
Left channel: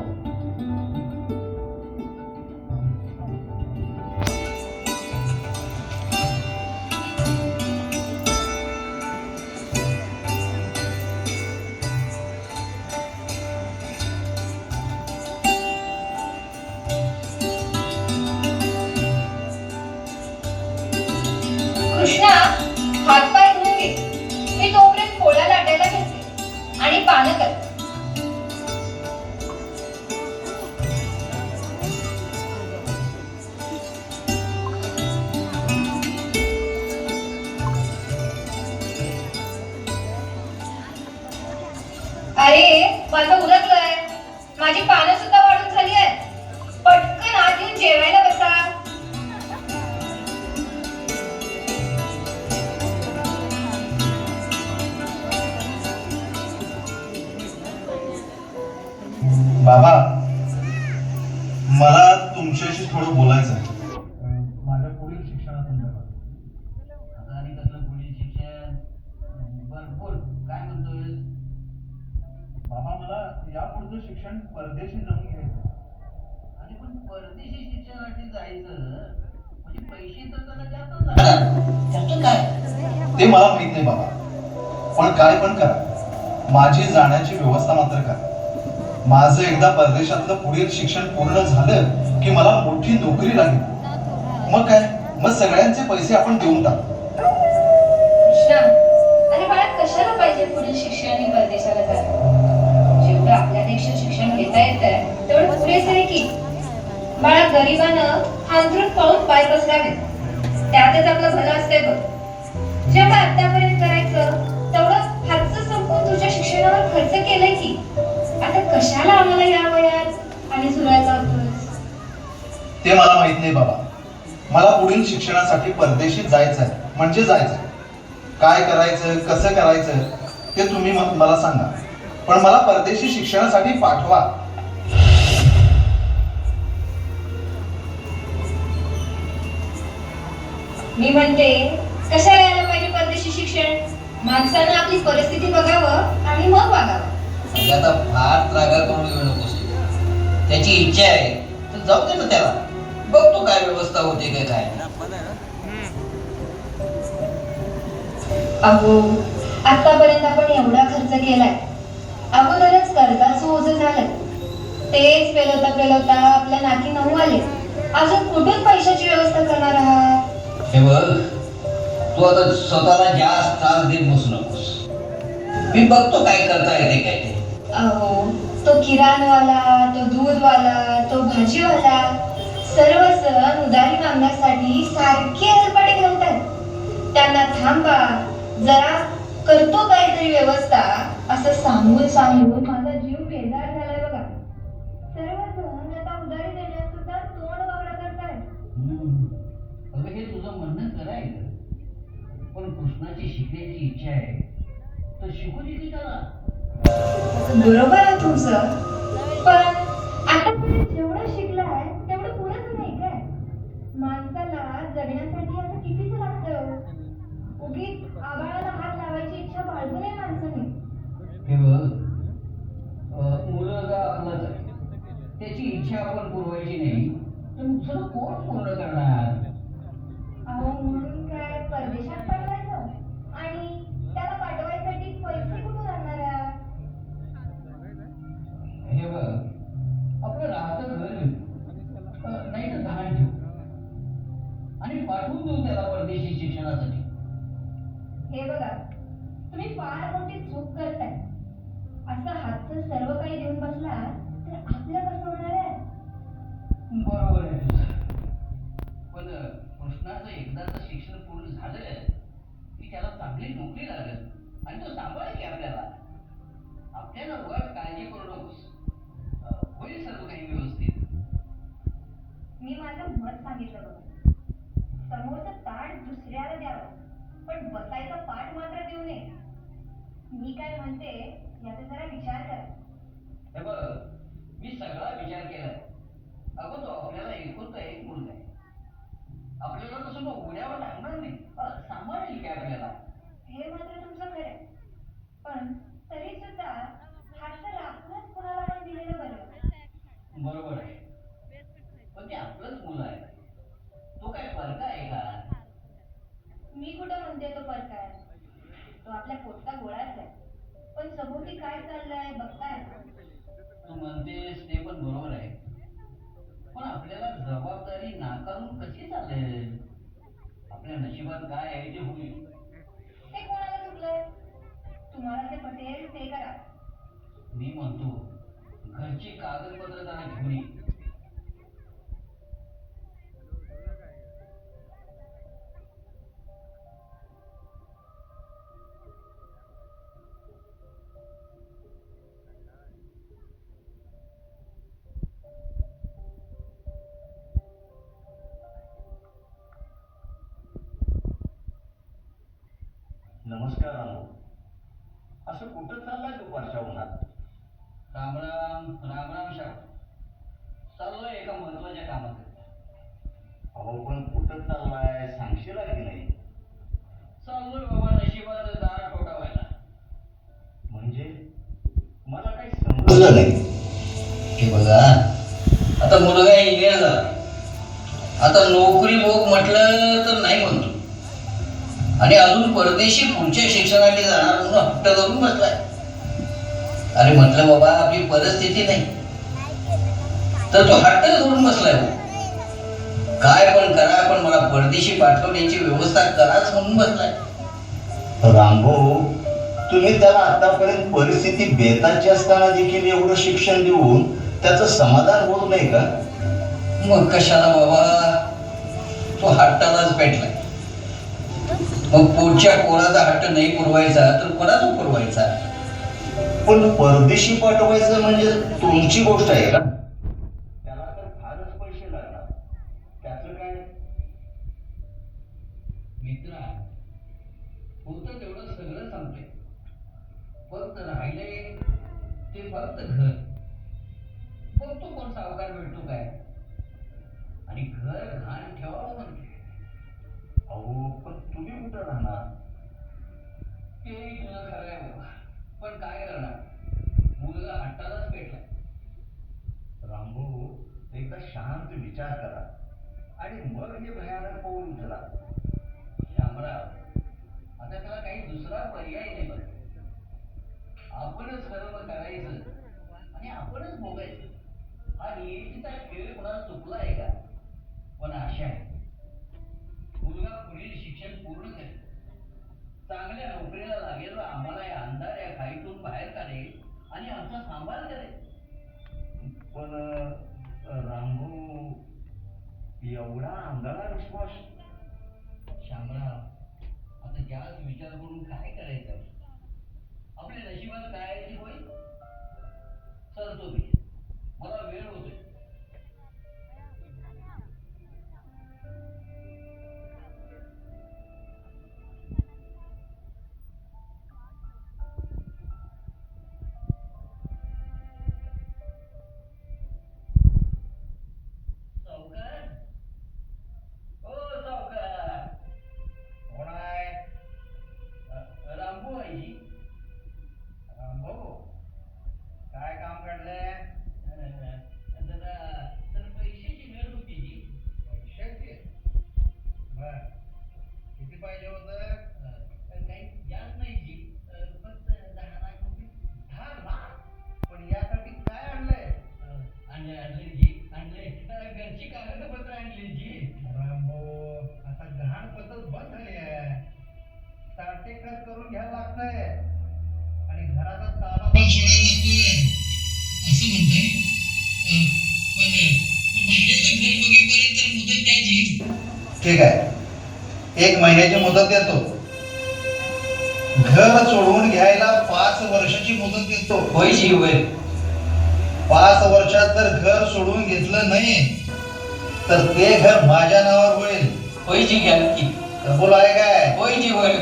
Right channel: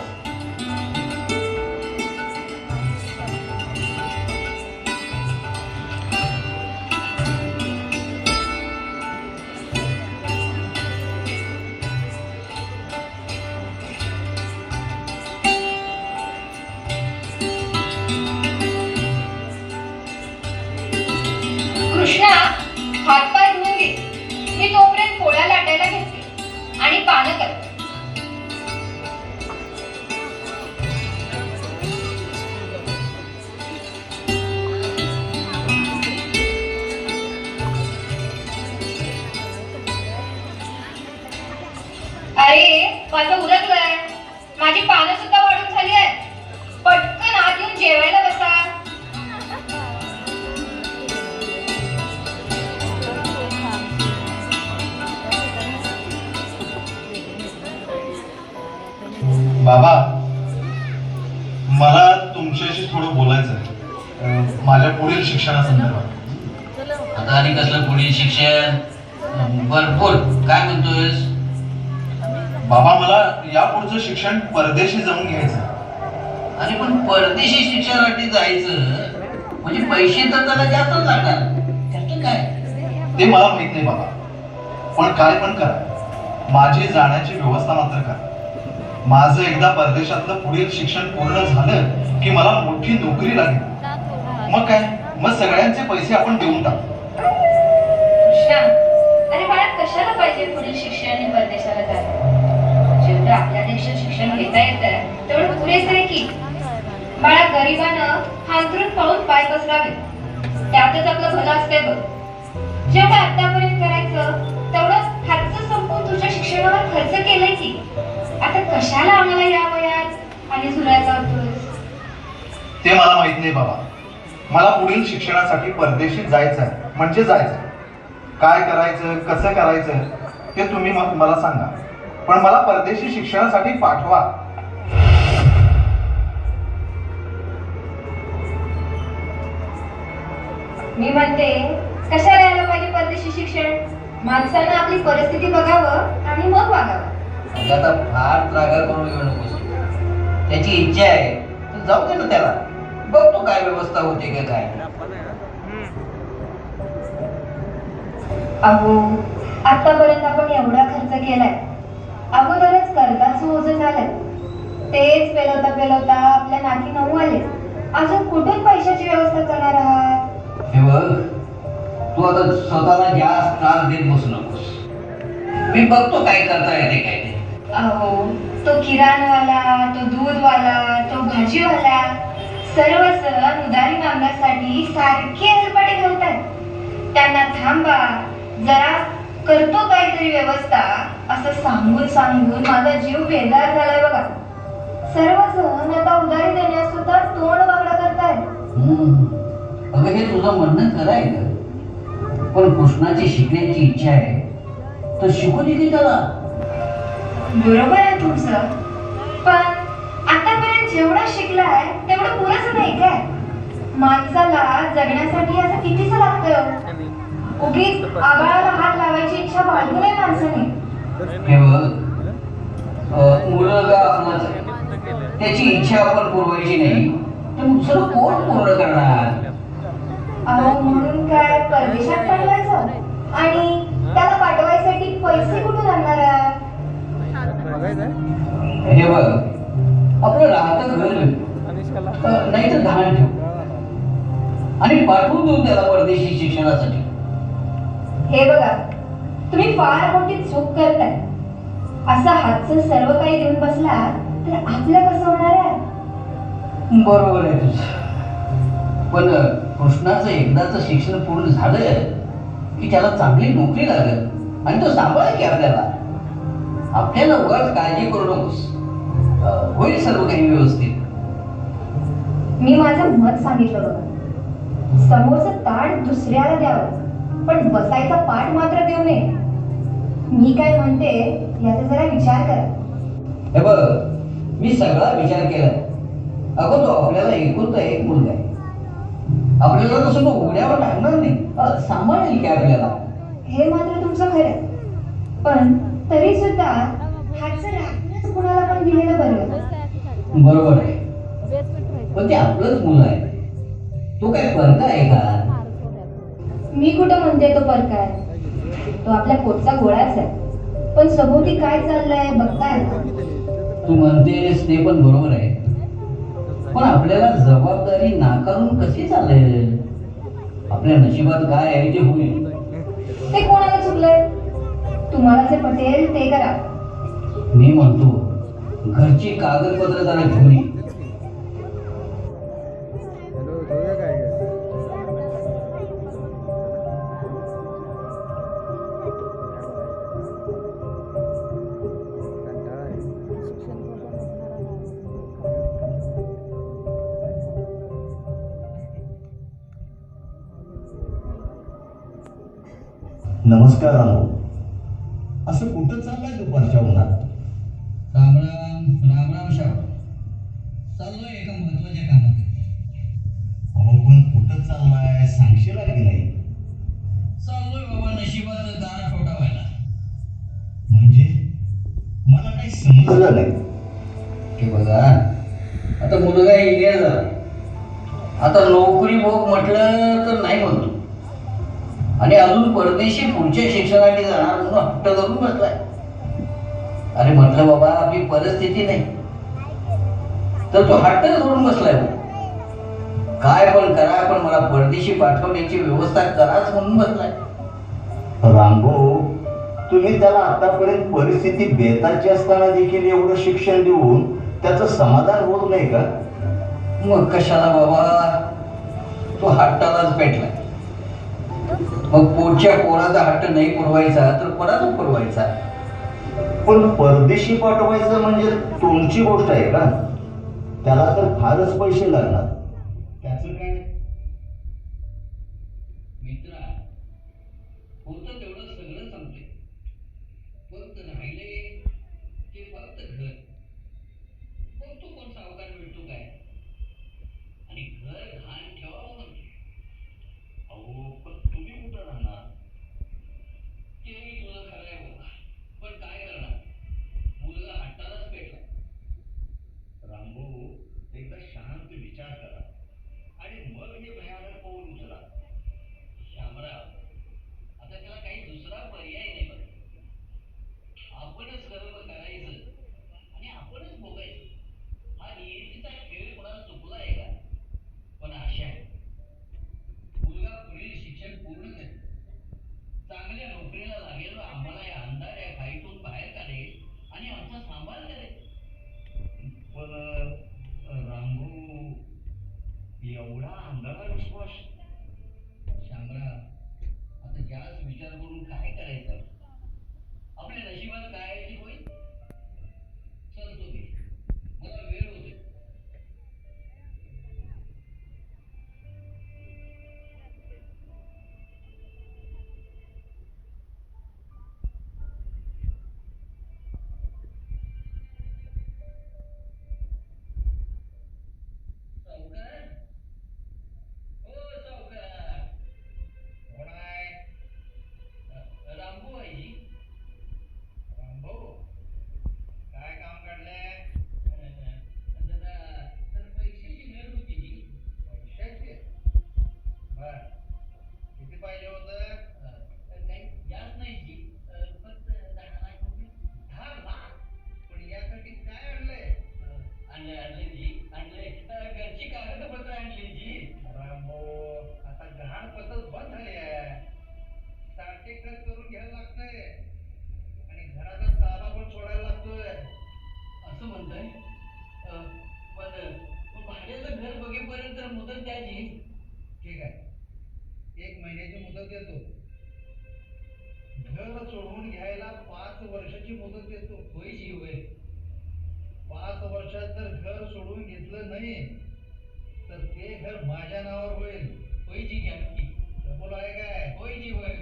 अरे माझं उरकलंय, माझी पानं सुद्धा वाढून झाली आहे. पटकन आत येऊन जेवायला बसा. बाबा, मला तुमच्याशी थोडं बोलायचं आहे माझ्या पुढील शिक्षणासंदर्भात. आता आणि कसलं पुढील शिक्षण? बर बोल, काय म्हणतोयस? बाबा, मला या पुढचं शिक्षण परदेशी जाऊन घ्यायचं आहे. अरे पण परदेशी शिक्षणासाठी जायचं म्हणजे पैसे तर त्याला जास्त लागणार. त्याचं काय? ते मला माहित नाही बाबा, पण काय पण करा, माझी जाण्याची व्यवस्था मात्र करा. माझं एकदा परदेशातलं पुढील शिक्षण पूर्ण झालं की मला मोठी नोकरी लागेल. मग काय, मग सगळ्यांचे पैसे आपण देऊन टाकू. कृष्णा, अरे बाळा, कशाला पाहिजे पुढील शिक्षण आणि परदेशाला जायला? जेवढं आपल्या देशात शिक्षण घेता येतं तेवढं पुरेसं आहे की. बाळा, गरिबानं हांतरून पाहून पाय पसरावे, त्यातच आपलं भलं असते बघ. जेवढं आतापर्यंत करायचं तेवढं हातचं संपून तुझ्या शिक्षणावर खर्च केलाय की. आता कशाला आम्हाला या वयात आणि झुलायचा होतोस? ते मला माहित नाही बाबा. मला पुढील शिक्षणासाठी परदेशी जायचं आहे म्हणजे जायचं आहे. काय करायचं, कसं करायचं ते तुम्ही मला सांगा, पण मला परदेशी शिक्षणासाठी पाठवा. मी म्हणते, कशाला यायला पाहिजे परदेशी शिक्षण? माणसानं आपली परिस्थिती बघावं आणि मग वागावं. म्हणजे आता फार त्रागा करून येऊ नकोस. त्याची इच्छा आहे तर जाऊ दे ना त्याला. बघतो काय व्यवस्था होते का काय. अहो, आतापर्यंत आपण एवढा खर्च केलाय, अगोदरच कर्जाचं ओझं झालंय. तेच पेलवता आपल्या नाकी नऊ आले. अजून कुठून पैशाची व्यवस्था करणार आहात? हे बघ, तू आता स्वतःला जास्त त्रास देत बसू नकोस. मी बघतो काय करता येते काय ते. अहो, तो किराणवाला, तो दूधवाला, तो भाजीवाला सर्व सण उधारी मागण्यासाठी सारखे हेलपाटे घालतात. त्यांना थांबा जरा, करतो काहीतरी व्यवस्था असं सांगून माझा जीव बेजार झालाय बघा. सर्वजण आता उधारी देण्यास सुद्धा तोंड वाकडा करतायत. अगं, हे तुझं म्हणणं खरं आहे का? पण कृष्णाची शिकण्याची इच्छा आहे तर शिकू दे की त्याला. बरोबर आहे तुमचं, पण आतापर्यंत जेवढं शिकलाय तेवढं पुरेसं नाही काय? माणसाला जगण्यासाठी असं कितीच लागतं? उगीच आबाळाला हात लावायची इच्छा बाळगू नये माणसाने. हे बघ, मुलगा आपलाच आहे. त्याची इच्छा आपण पुरवायची नाही तर दुसरं कोण पूर्ण करणार? अहो, म्हणून काय परदेशात पाठवायचं आणि त्याला पाठवायसाठी पैसे कुठून आणणार आहात? हे बघ, आपलं राहतं घर नाही तर धान ठेव आणि पाठवून देऊ त्याला परदेशी शिक्षणासाठी. हे बघा, तुम्ही फार मोठी चूक करताय. असं हातचं सर्व काही देऊन बसला तर आपलं कसं होणार आहे? बरोबर आहे तुझं, पण कृष्णाचं एकदाचं शिक्षण पूर्ण झालं की त्याला चांगली नोकरी लागेल आणि तो सांभाळेल की आपल्याला. आपल्याला उगाच काळजी करू नकोस, होईल सर्व काही व्यवस्थित. मी माझं मत सांगितलं बघा. समोरचं ताट दुसऱ्याला द्यावं, पण बसायचा पाठ मात्र देऊ नये. मी काय म्हणते याचा जरा विचार करा. हे बघ, मी सगळा विचार केलाय. अगं, तो आपल्याला एकुलता एक मुलगा आहे. आपल्याला तसं तो उघड्यावर टाकणार नाही, सांभाळेल की आपल्याला. हे मात्र तुमचं खरं आहे, पण तरी सुद्धा हातचं राखणच कुणाला पण दिलेलं बरं. बरोबर आहे, पण ते आपलंच मुलं आहे. तो काय परका आहे का? मी कुठं म्हणते तो परका आहे? तो आपल्या पोटचा गोळाच आहे. पण सभोवती काय चाललंय बघताय ना. तू म्हणतेस ते पण बरोबर आहे, पण आपल्याला जबाबदारी नाकारून कशी चालेल? आपल्या नशिबात काय आहे ते होईल. ते कोणाला चुकलंय? तुम्हाला जे पटेल ते करा. मी म्हणतो घरची कागदपत्र जरा घेऊन ये. नमस्कार रामभाऊ. असं कुठं चाललाय दुपारच्या उन्हात? राम राम राम राम शाह. चाललोय एका महत्वाच्या कामात. अहो पण कुठं चाललाय सांगशील की नाही? चाललोय बाबा नशिबाचं दार ठोठावायला. म्हणजे मला काही समजलं नाही. हे बघा, आता मुलगा इंजिनियर झाला. आता नोकरी भोग म्हटलं तर नाही म्हणतो, आणि अजून परदेशी पुढच्या शिक्षणासाठी जाणार म्हणून हट्ट धरून बसलाय. अरे म्हटलं बाबा, आपली परिस्थिती नाही, तर तो हट्ट धरून बसलाय. हो, काय पण करा, पण मला परदेशी पाठवण्याची व्यवस्था कराच म्हणून बसलाय. रामभाऊ, तुम्ही त्याला आतापर्यंत परिस्थिती बेताची असताना देखील एवढं शिक्षण देऊन त्याचं समाधान होत नाही का? मग कशाला बाबा, तो हट्टालाच पेटलाय. मग पोटच्या पोराचा हट्ट नाही पुरवायचा तर कोणाचा पुरवायचा? पण परदेशी पाठवायचं म्हणजे तुमची गोष्ट आहे का? त्याला तर फारच पैसे लागणार. त्याचं काय? मित्रा, होतं तेवढं सगळं सांगतोय, फक्त राहिले ते फक्त घर. बघतो कोण सावकार भेटतो काय, आणि घर घाण ठेवावं म्हणते. अहो पण तुम्ही कुठं राहणार? तेही तुझं खरं आहे बाबा, पण काय करणार, मुलगा हट्टालाच पेटलाय. रामभाऊ, एकदा शांत विचार करा आणि मग हे भयानक पाऊल उचला. शामराव, आता त्याला काही दुसरा पर्याय नाही बघ. आपणच सर्व करायचं आणि आपणच भोगायचं. हा नियतीचा खेळ कोणाला चुकला आहे का? पण आशा आहे, मुलगा पुढील शिक्षण पूर्ण करेल, चांगल्या नोकरीला लागेल, आम्हाला या अंधाऱ्या खाईतून बाहेर काढेल आणि आमचा सांभाळ करेल. पण रामभाऊ, एवढा आंधळा विश्वास? शामराव, आता जास्त विचार करून काय करायचं? आपल्या नशिबात काय आहे ते होईल. चालतो मी, मला वेळ होतोय. सावकार, ओ सावकार. कोण आहे? रामभाऊ आई. रामभाऊ, काय काम काढलंय? जरा तर पैशाची गरज होती जी. पैशाची? बर, किती पाहिजे होतं? काही जास्त नाही जी, फक्त 10 लाख रुपये. 10 लाख? पण यासाठी काय आणलंय? आणले जी, आणले. घरची कागदपत्र आणली जी. रामभाऊ, आता गहाण पद्धत बंद झाली आहे. साठेखत करून घ्यायला लागतंय आणि घराचा ताबा पण सोडायला लागतोय. असं म्हणताय? पण भाड्याचं घर बघेपर्यंत मुदत द्यायची. ठीक आहे, 1 महिन्याची मुदत देतो. घर सोडवून घ्यायला 5 वर्षाची मुदत देतो. होय जी, होय. 5 वर्षात जर घर सोडून घेतलं नाही तर ते घर माझ्या नावावर होईल. होय जी, घ्या की. कबूल आहे काय? होय जी, होय.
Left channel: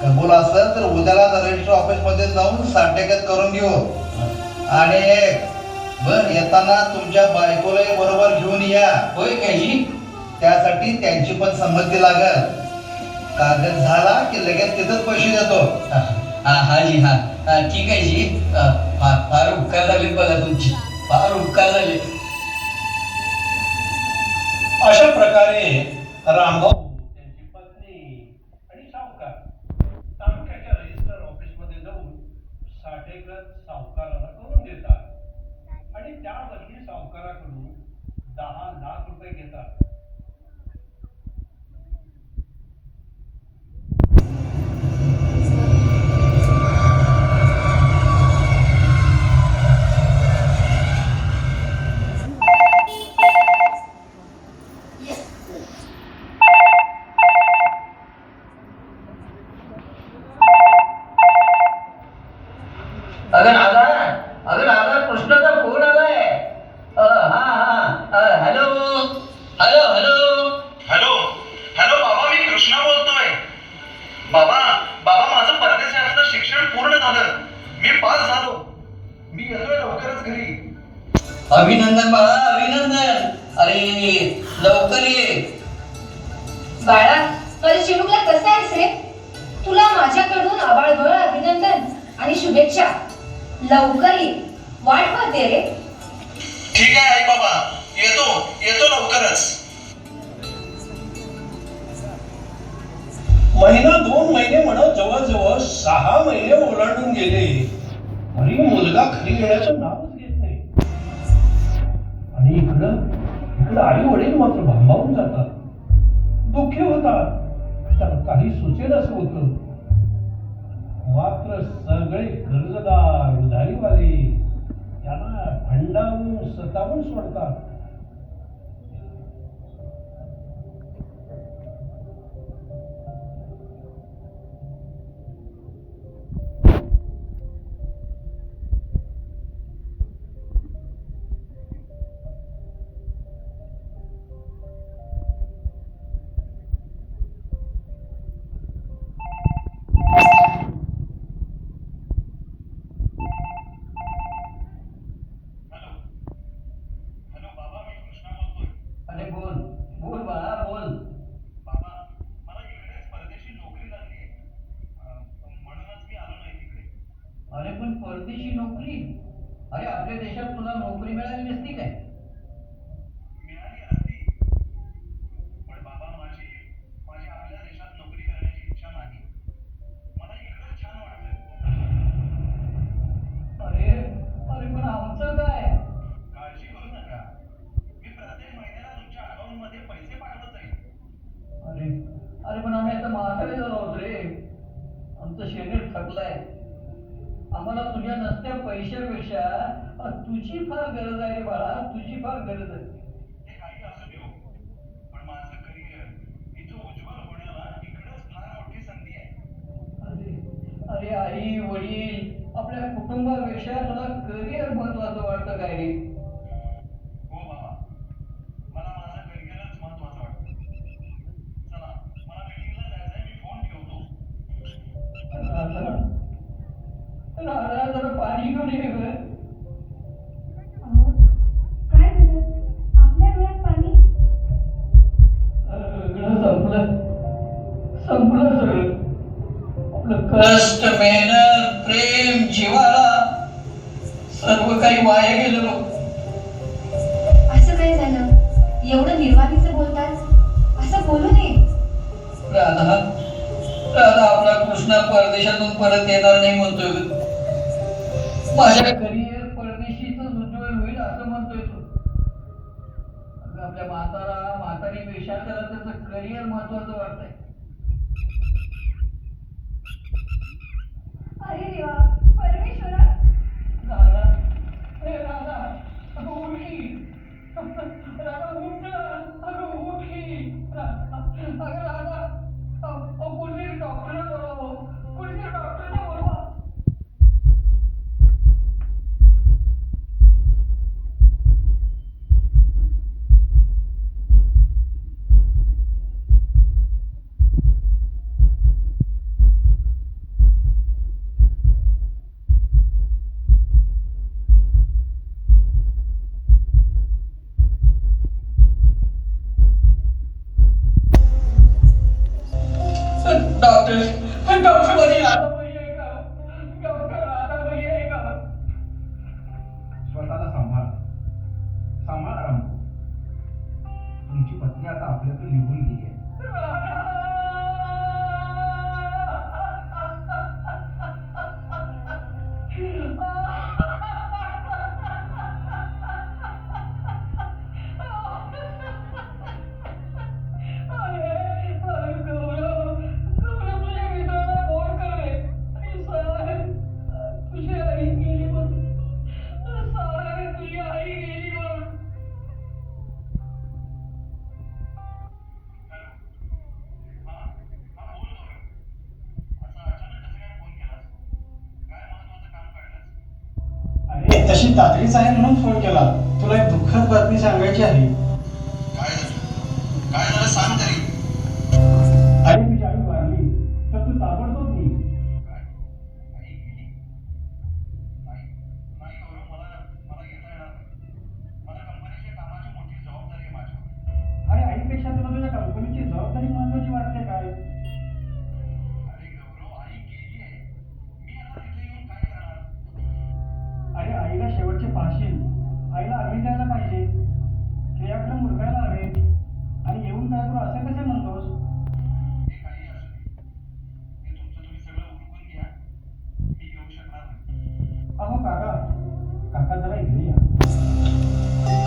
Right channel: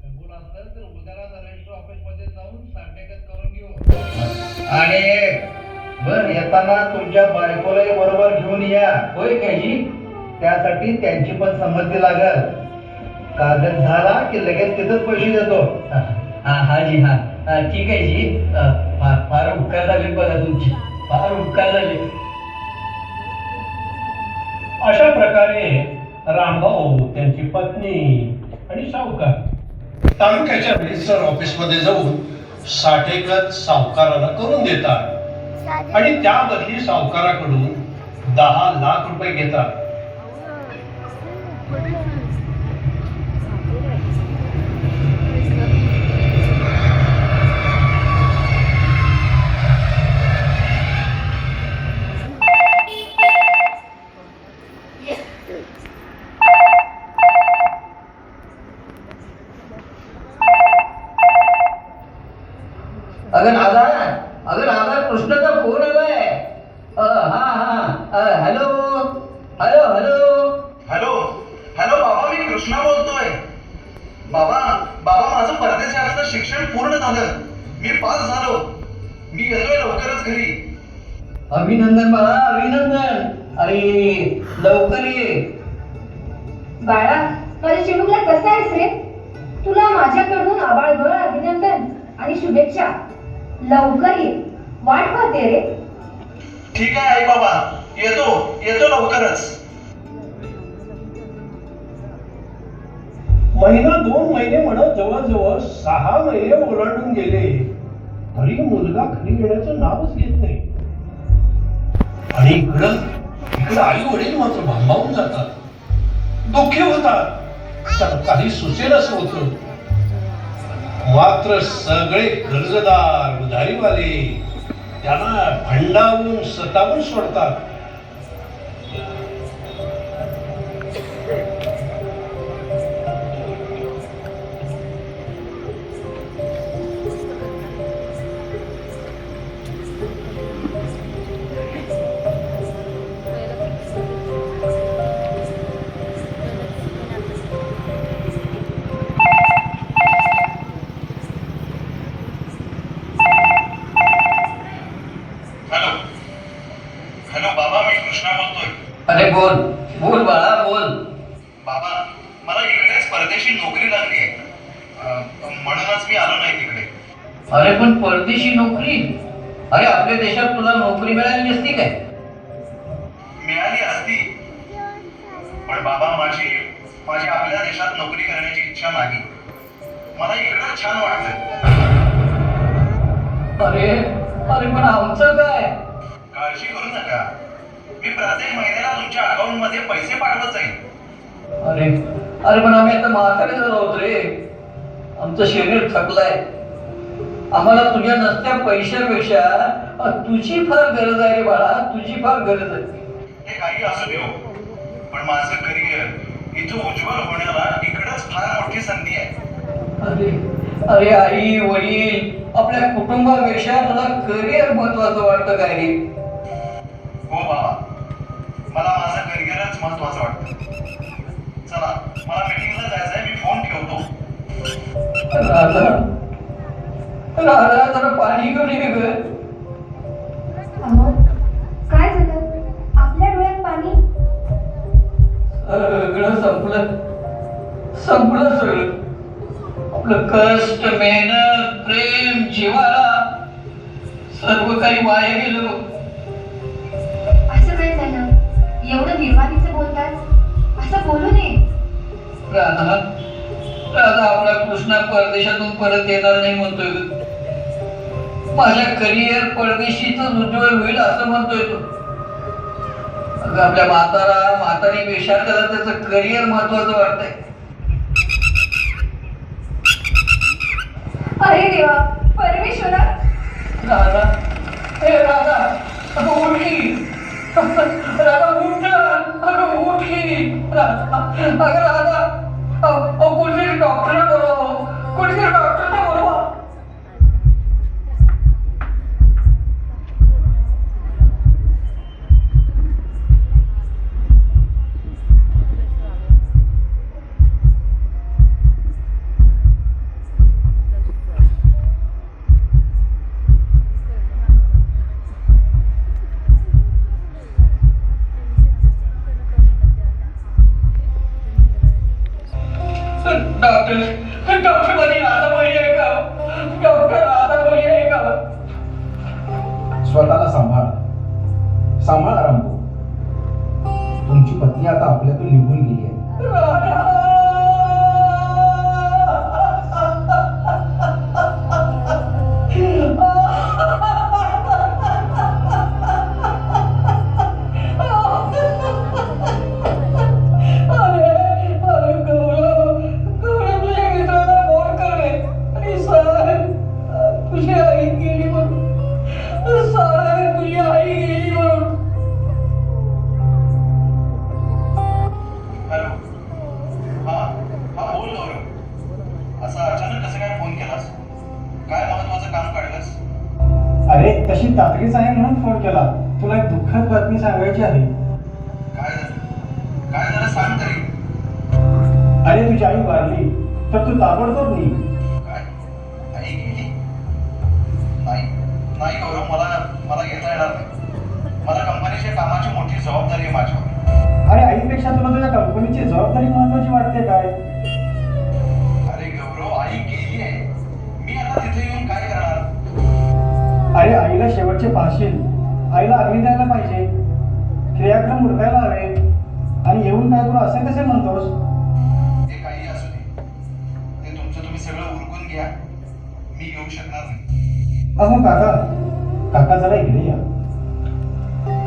कबूल असेल तर उद्याला रजिस्टर ऑफिस मध्ये जाऊन साठेकत करून घेऊ. आणि बर, येताना तुमच्या बायकोलाही बरोबर घेऊन या. होय काय जी? त्यासाठी त्यांची पण संमती लागल. कागद झाला की लगेच तिथंच पैसे देतो. हा जी, हा. ठीक आहे जी. फार उपकार झाले बघा तुमचे, फार उपकार झाले. अशा प्रकारे रामभाऊ, त्यांची पत्नी आणि सावकार तालुक्याच्या रजिस्टर ऑफिसमध्ये जाऊन साठेखत सावकाराला करून देतात आणि त्या बदली सावकाराकडून 10 लाख रुपये घेतात. अगं दादा, कृष्णाचा फोन आलाय. Hello hello hello hello hello बाबा, मी कृष्णा बोलतोय. बाबा बाबा शिक्षण पूर्ण झालं, मी पास झालो, मी येतोय लवकरच घरी. अभिनंदन बाळा, अभिनंदन. अरे लवकर ये. बाळा, माझ्या चिमुकला कसं आहेस रे? तुला माझ्याकडून आबाळभर अभिनंदन आणि शुभेच्छा. लवकर ये, वाट पाहते रे. ठीक आहे आई बाबा, येतो लवकरच. महिना 2 महिने म्हणत जवळजवळ 6 महिने ओलांडून गेले आणि मुलगा घरी येण्याचं नावच घेत नाही. आणि इकडं आई वडील मात्र भांबावून जातात, दुःखी होतात. तर काही सुचेलच होतं. मात्र सगळे कर्जदार उधारीवाले त्यांना भंडावून सतावून सोडतात. हॅलो बाबा, मी कृष्णा बोलतोय. अरे बोल बोल बाळा बोल. बाबा, मला इकडेच परदेशी नोकरी लागली आहे, म्हणूनच मी आलो नाही तिकडे. अरे पण परदेशी नोकरी? अरे आपल्या देशात तुला नोकरी मिळाली नसती काय? मिळाली असती, पण बाबा माझी आपल्या देशात नोकरी करण्याची इच्छा नाही. मला इकडं छान वाटतं. अरे अरे पण आमचं काय? काळजी करू नका, मी प्रत्येक महिन्याला तुमच्या अकाउंट मध्ये पैसे पाठवत जाईल. अरे अरे पण आम्ही आता म्हातारे झालो आहोत रे. आमचं शरीर थकलंय. आम्हाला तुझ्या नसत्या पैशापेक्षा तुझी फार गरज आहे रे बाळा, तुझी फार गरज आहे. हे काही असू देऊ, पण माझं करिअर इथं उज्ज्वल होण्याला इकडंच फार मोठी संधी आहे. अरे अरे आई वडील आपल्या कुटुंबापेक्षा तुला करिअर महत्वाचं वाटतं काय रे? हो बाबा, मला माझं करिअरच महत्वाचं वाटतं. चला, मला मीटिंगला जायचंय, मी फोन ठेवतो. राधा राधा जरा पाणी घेऊन ये ग. अहो, काय झालं? आपल्या डोळ्यात पाणी? सगळं संपलं सगळं. आपलं कष्ट, मेहनत, प्रेम, जिव्हाळा सर्व काही वाया गेलो. असं काय झालं? एवढं निर्वाणीचं बोलतात? असं बोलू नये. राधा राधा आपला कृष्णा परदेशातून परत येणार नाही म्हणतोय ग. माझ्या करिअर परदेशीच उज्ज्वल होईल असं म्हणतोय तो. अगं आपल्या म्हातारीपेक्षा त्याला त्याचं करिअर महत्वाचं वाटतंय. अरे देवा, परमेश्वरा. राधा, हे राधा, अगं उठली. राधा उठ, अगं उठली. अगं राधा, कोणीतरी डॉक्टरला बोलवा, कोणीतरी डॉक्टरला बोलवा. डॉक्टर मध्ये आता बरी आहे का? डॉक्टर आता बरी आहे का? स्वतःला सांभाळा रामभाऊ. तुमची पत्नी आता आपल्यातून निघून गेली आहे. अरे तशी तातडीच आहे म्हणून फोन केला. तुला एक दुःखद बातमी सांगायची आहे. काय झालं सांग तरी. अरे तुझी आई वारली तर तू ताबडतोब नाही. तिथे येऊन काय करणार? अरे आईला शेवटचे पाहशील, आईला अग्नी द्यायला पाहिजे, क्रियाक्रम उरकायला हवे आणि येऊन काय करू असे कसे म्हणतोस? ते काही असू दे, ते तुमचं तुम्ही सगळं उरकून घ्या, मी येऊ शकणार नाही. अहो काका, काका जरा इकडे या.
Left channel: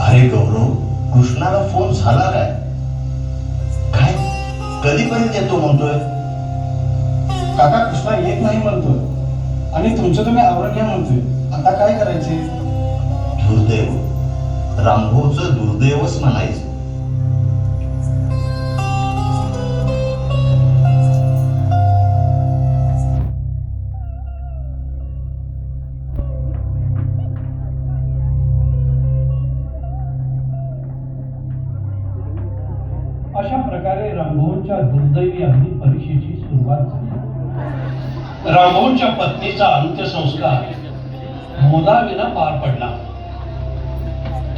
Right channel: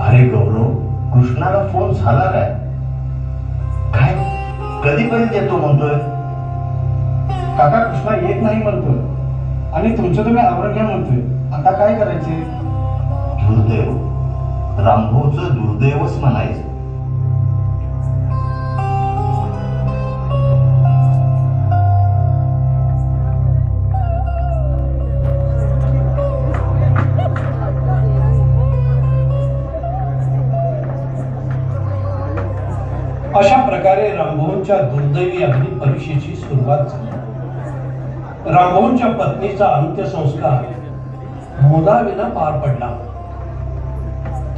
अरे गौरव, कृष्णाला फोन झाला काय? काय कधीपर्यंत येतो म्हणतोय? काका कृष्णा येत नाही म्हणतोय आणि तुमचं तुम्ही आवरून घ्या म्हणतोय. आता काय करायचे? दुर्दैव, रामभाऊचं दुर्दैवच म्हणायचं. अशा प्रकारे रामभाऊंच्या दुर्दैवी अग्नी परीक्षेची सुरुवात झाली. रामभाऊंच्या पत्नीचा अंत्यसंस्कार मुलाविना पार पडला.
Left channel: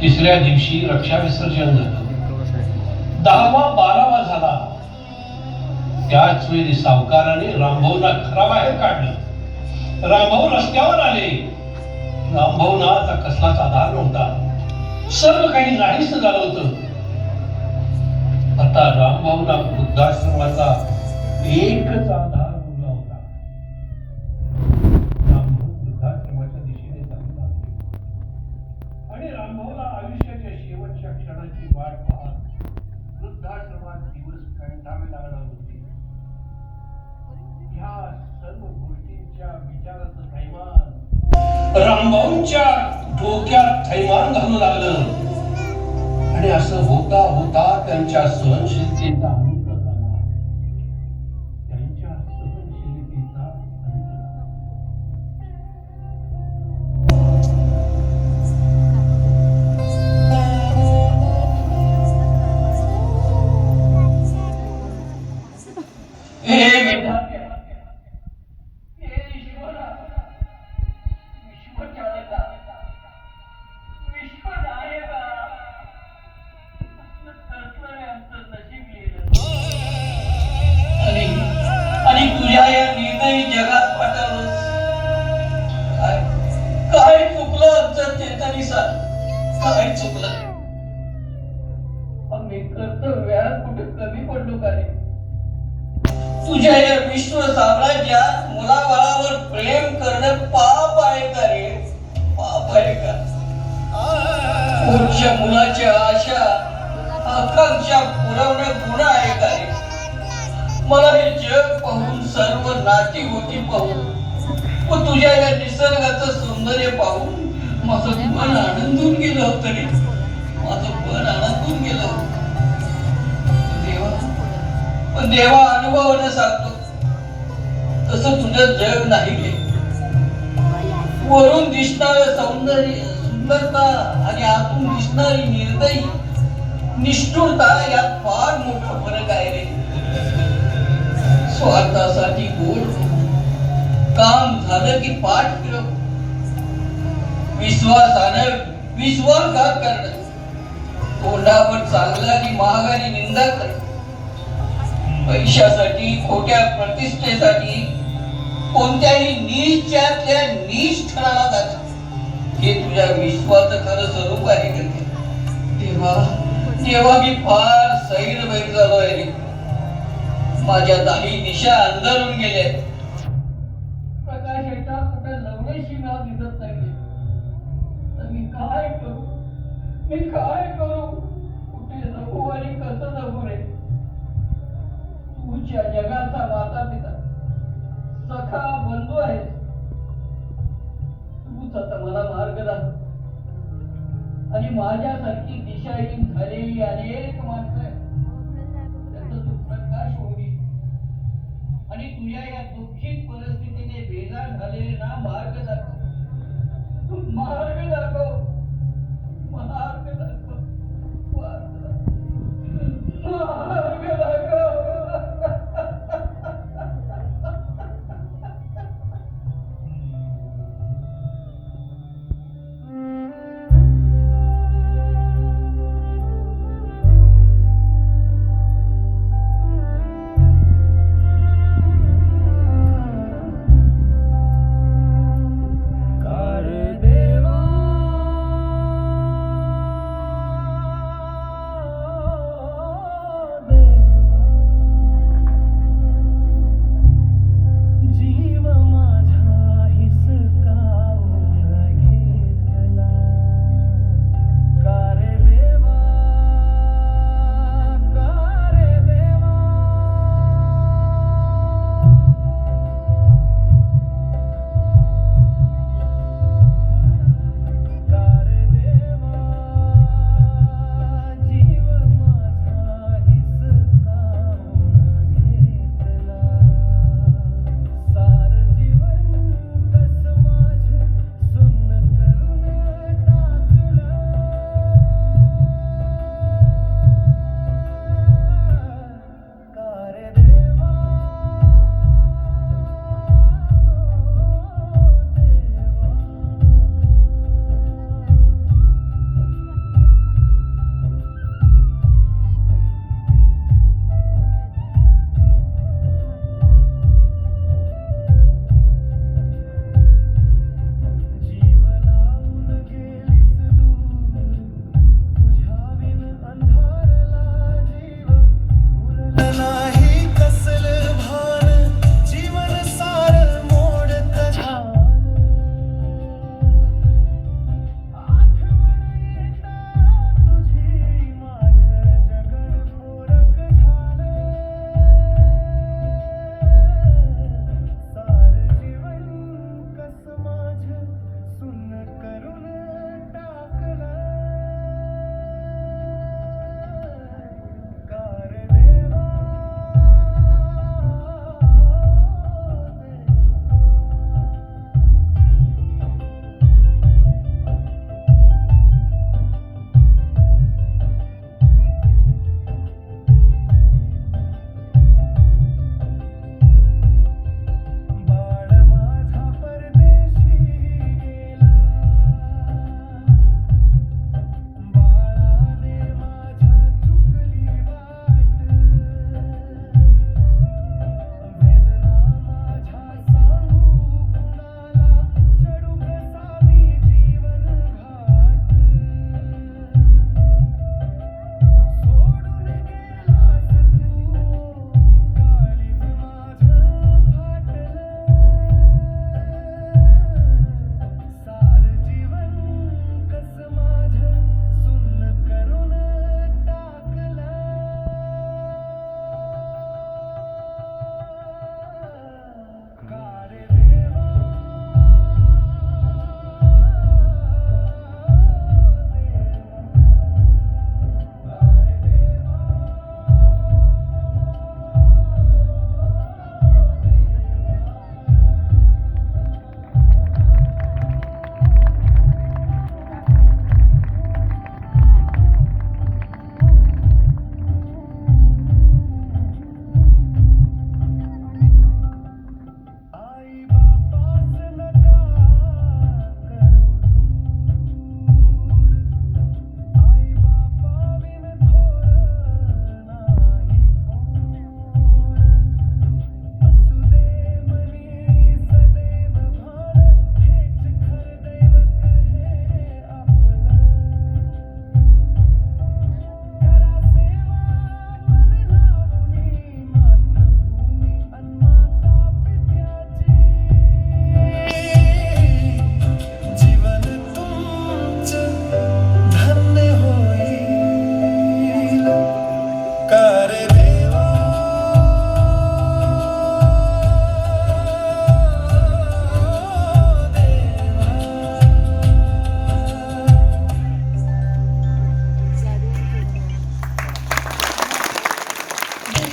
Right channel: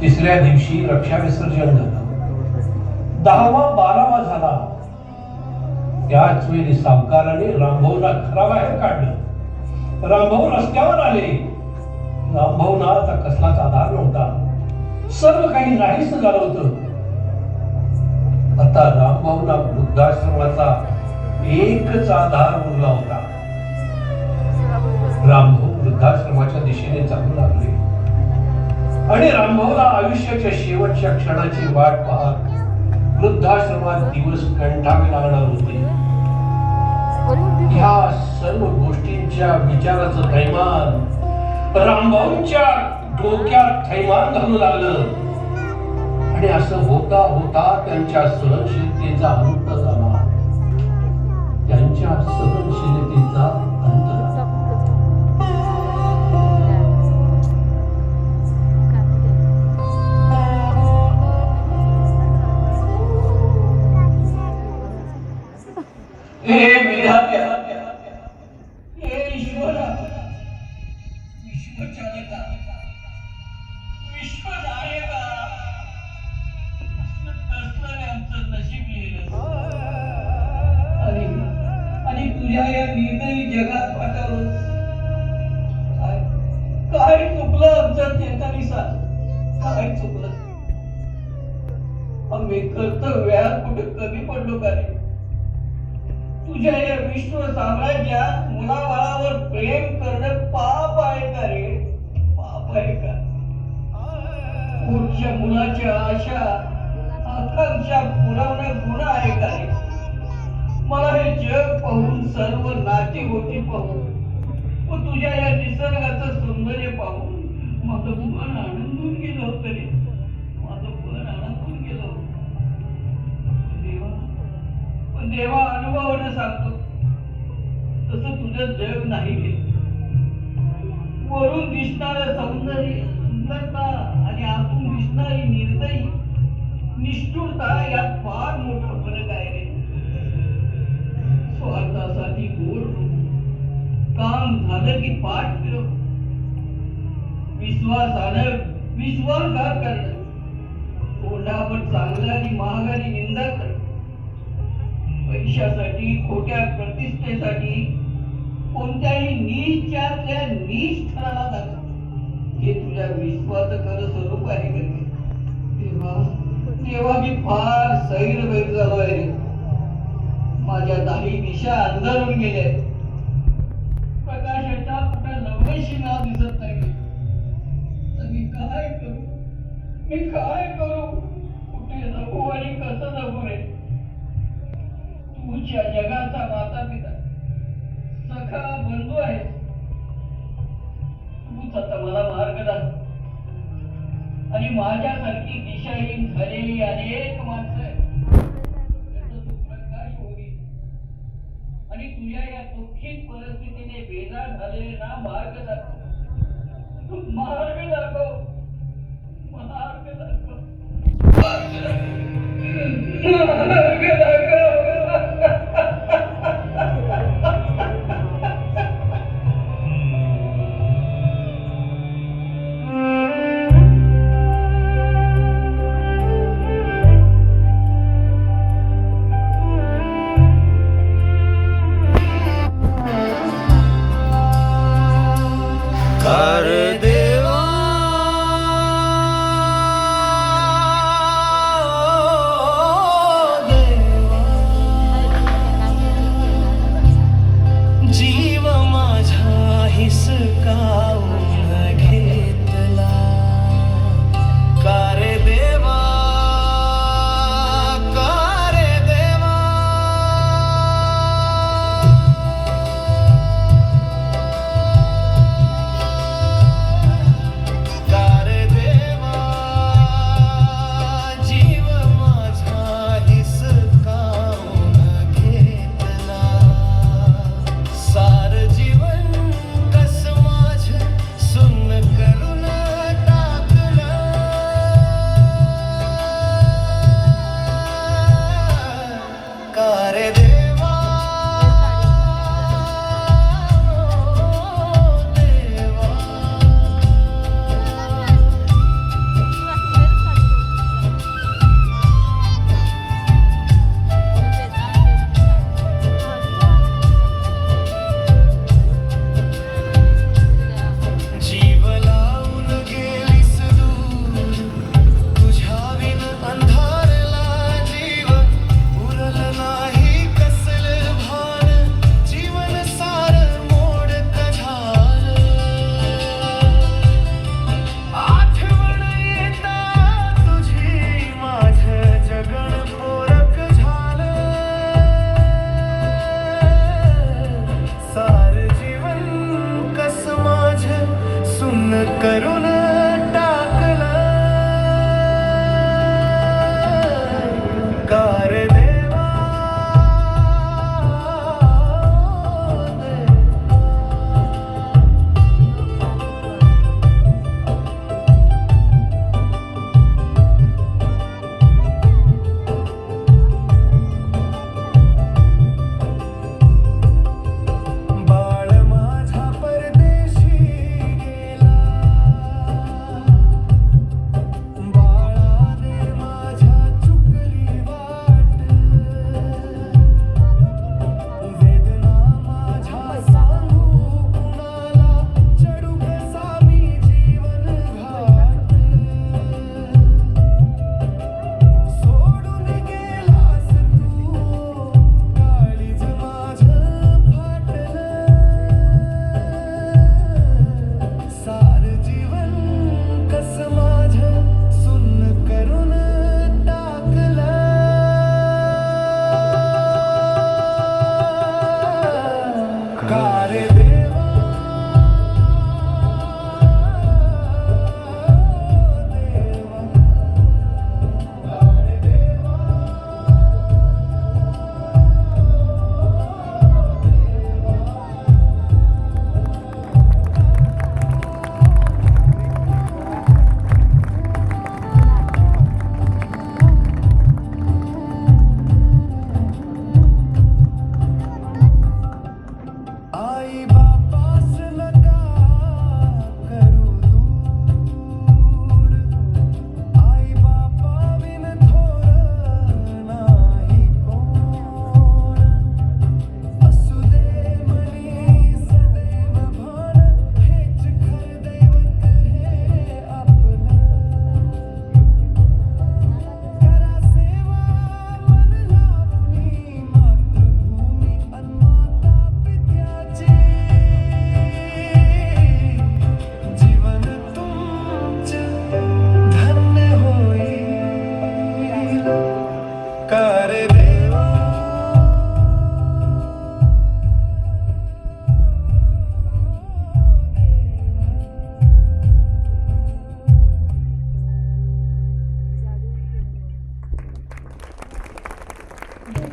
तिसऱ्या दिवशी रक्षा विसर्जन झालं. 10वा 12वा झाला. त्याच वेळी सावकाराने रामभाऊला घराबाहेर काढलं. रामभाऊ रस्त्यावर आले. रामभाऊना आता कसलाच आधार नव्हता. सर्व काही नाहीस झालं होतं. आता रामभाऊला वृद्धाश्रमाचा एकच आधार उरला होता. रामभाऊ वृद्धाश्रमाच्या दिशेने चालू लागले आणि रामभाऊला आयुष्याच्या शेवटच्या क्षणाची वाट पाहत वृद्धाश्रमात दिवस कंटाळावे लागणार होते. ह्या सर्व गोष्टींच्या विचाराचं थैमान रामभाऊंच्या डोक्यात थैमान घालू लागलं आणि असं होता होता त्यांच्या सहनशीलतेचा अंत झाला. त्यांच्या सहनशीलतेचा अंत झाला. हे विधात्या, हे ईश्वरा, विश्वचालका, विश्वनायका, कसलं आमचं नशीब लिहिलं आणि तुझ्या या निर्दयी जगात पाठवलंस. काय चुकलं आमचं चेतनीसा? काय चुकलं? आम्ही कर्तव्यात कुठे कमी पडलो का रे? तुझ्या या विश्व साम्राज्यात मुलाबाळावर प्रेम करणं पाप आहे का रे? पाप आहे का? पुढच्या मुलाच्या आशा आकांक्षा पुरवणं गुन्हा आहे का रे? मला हे जग पाहून, सर्व नाती होती पाहून व तुझ्या या निसर्गाचं सौंदर्य पाहून माझं मन आनंदून गेलं होतं रे. माझं मन आनंदून गेलं होतं. पण देवा अनुभवानं सांगतो, तसं तुझं जग नाही गे. वरून दिसणारं सौंदर्य, सुंदरता आणि आतून दिसणारी निर्दयी निष्ठुरता यात फार मोठा फरक आहे रे. स्वार्थासाठी गोड काम झालं की पाठ फिरव, विश्वासानं विश्वासघात करणं, तोंडावर चांगलं आणि महागारी निंदा करणं, पैशासाठी, खोट्या प्रतिष्ठेसाठी कोणत्याही नीचातल्या नीच ठराला जातं, हे तुझ्या विश्वाचं खरं स्वरूप आहे का? तेव्हा मी फार सैरभैर झालोय रे. माझ्या दाही दिशा अंधारून गेल्या. प्रकाशाचा कुठे लवशी नाव दिसत नाही. तर मी काय करू? मी काय करू? कुठे जगू आणि कसं जगू रे? तुझ्या जगाचा माता पिता, सखा बंधू आहे. तूच आता मला मार्ग दाखव. आणि माझ्यासारखी दिशाहीन झालेली अनेक माणसं आहेत, त्याचा तू प्रकाश होईल. आणि तुझ्या या दुःखित परिस्थितीने बेजार झालेले ना मार्ग दाखव. मार्ग दाखव. मार्ग दाखव. मार्ग दाखव. मार्ग दाखव.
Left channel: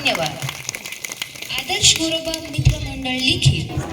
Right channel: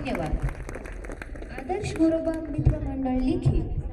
धन्यवाद. आदर्श गोरोबा मित्रमंडळ लिखित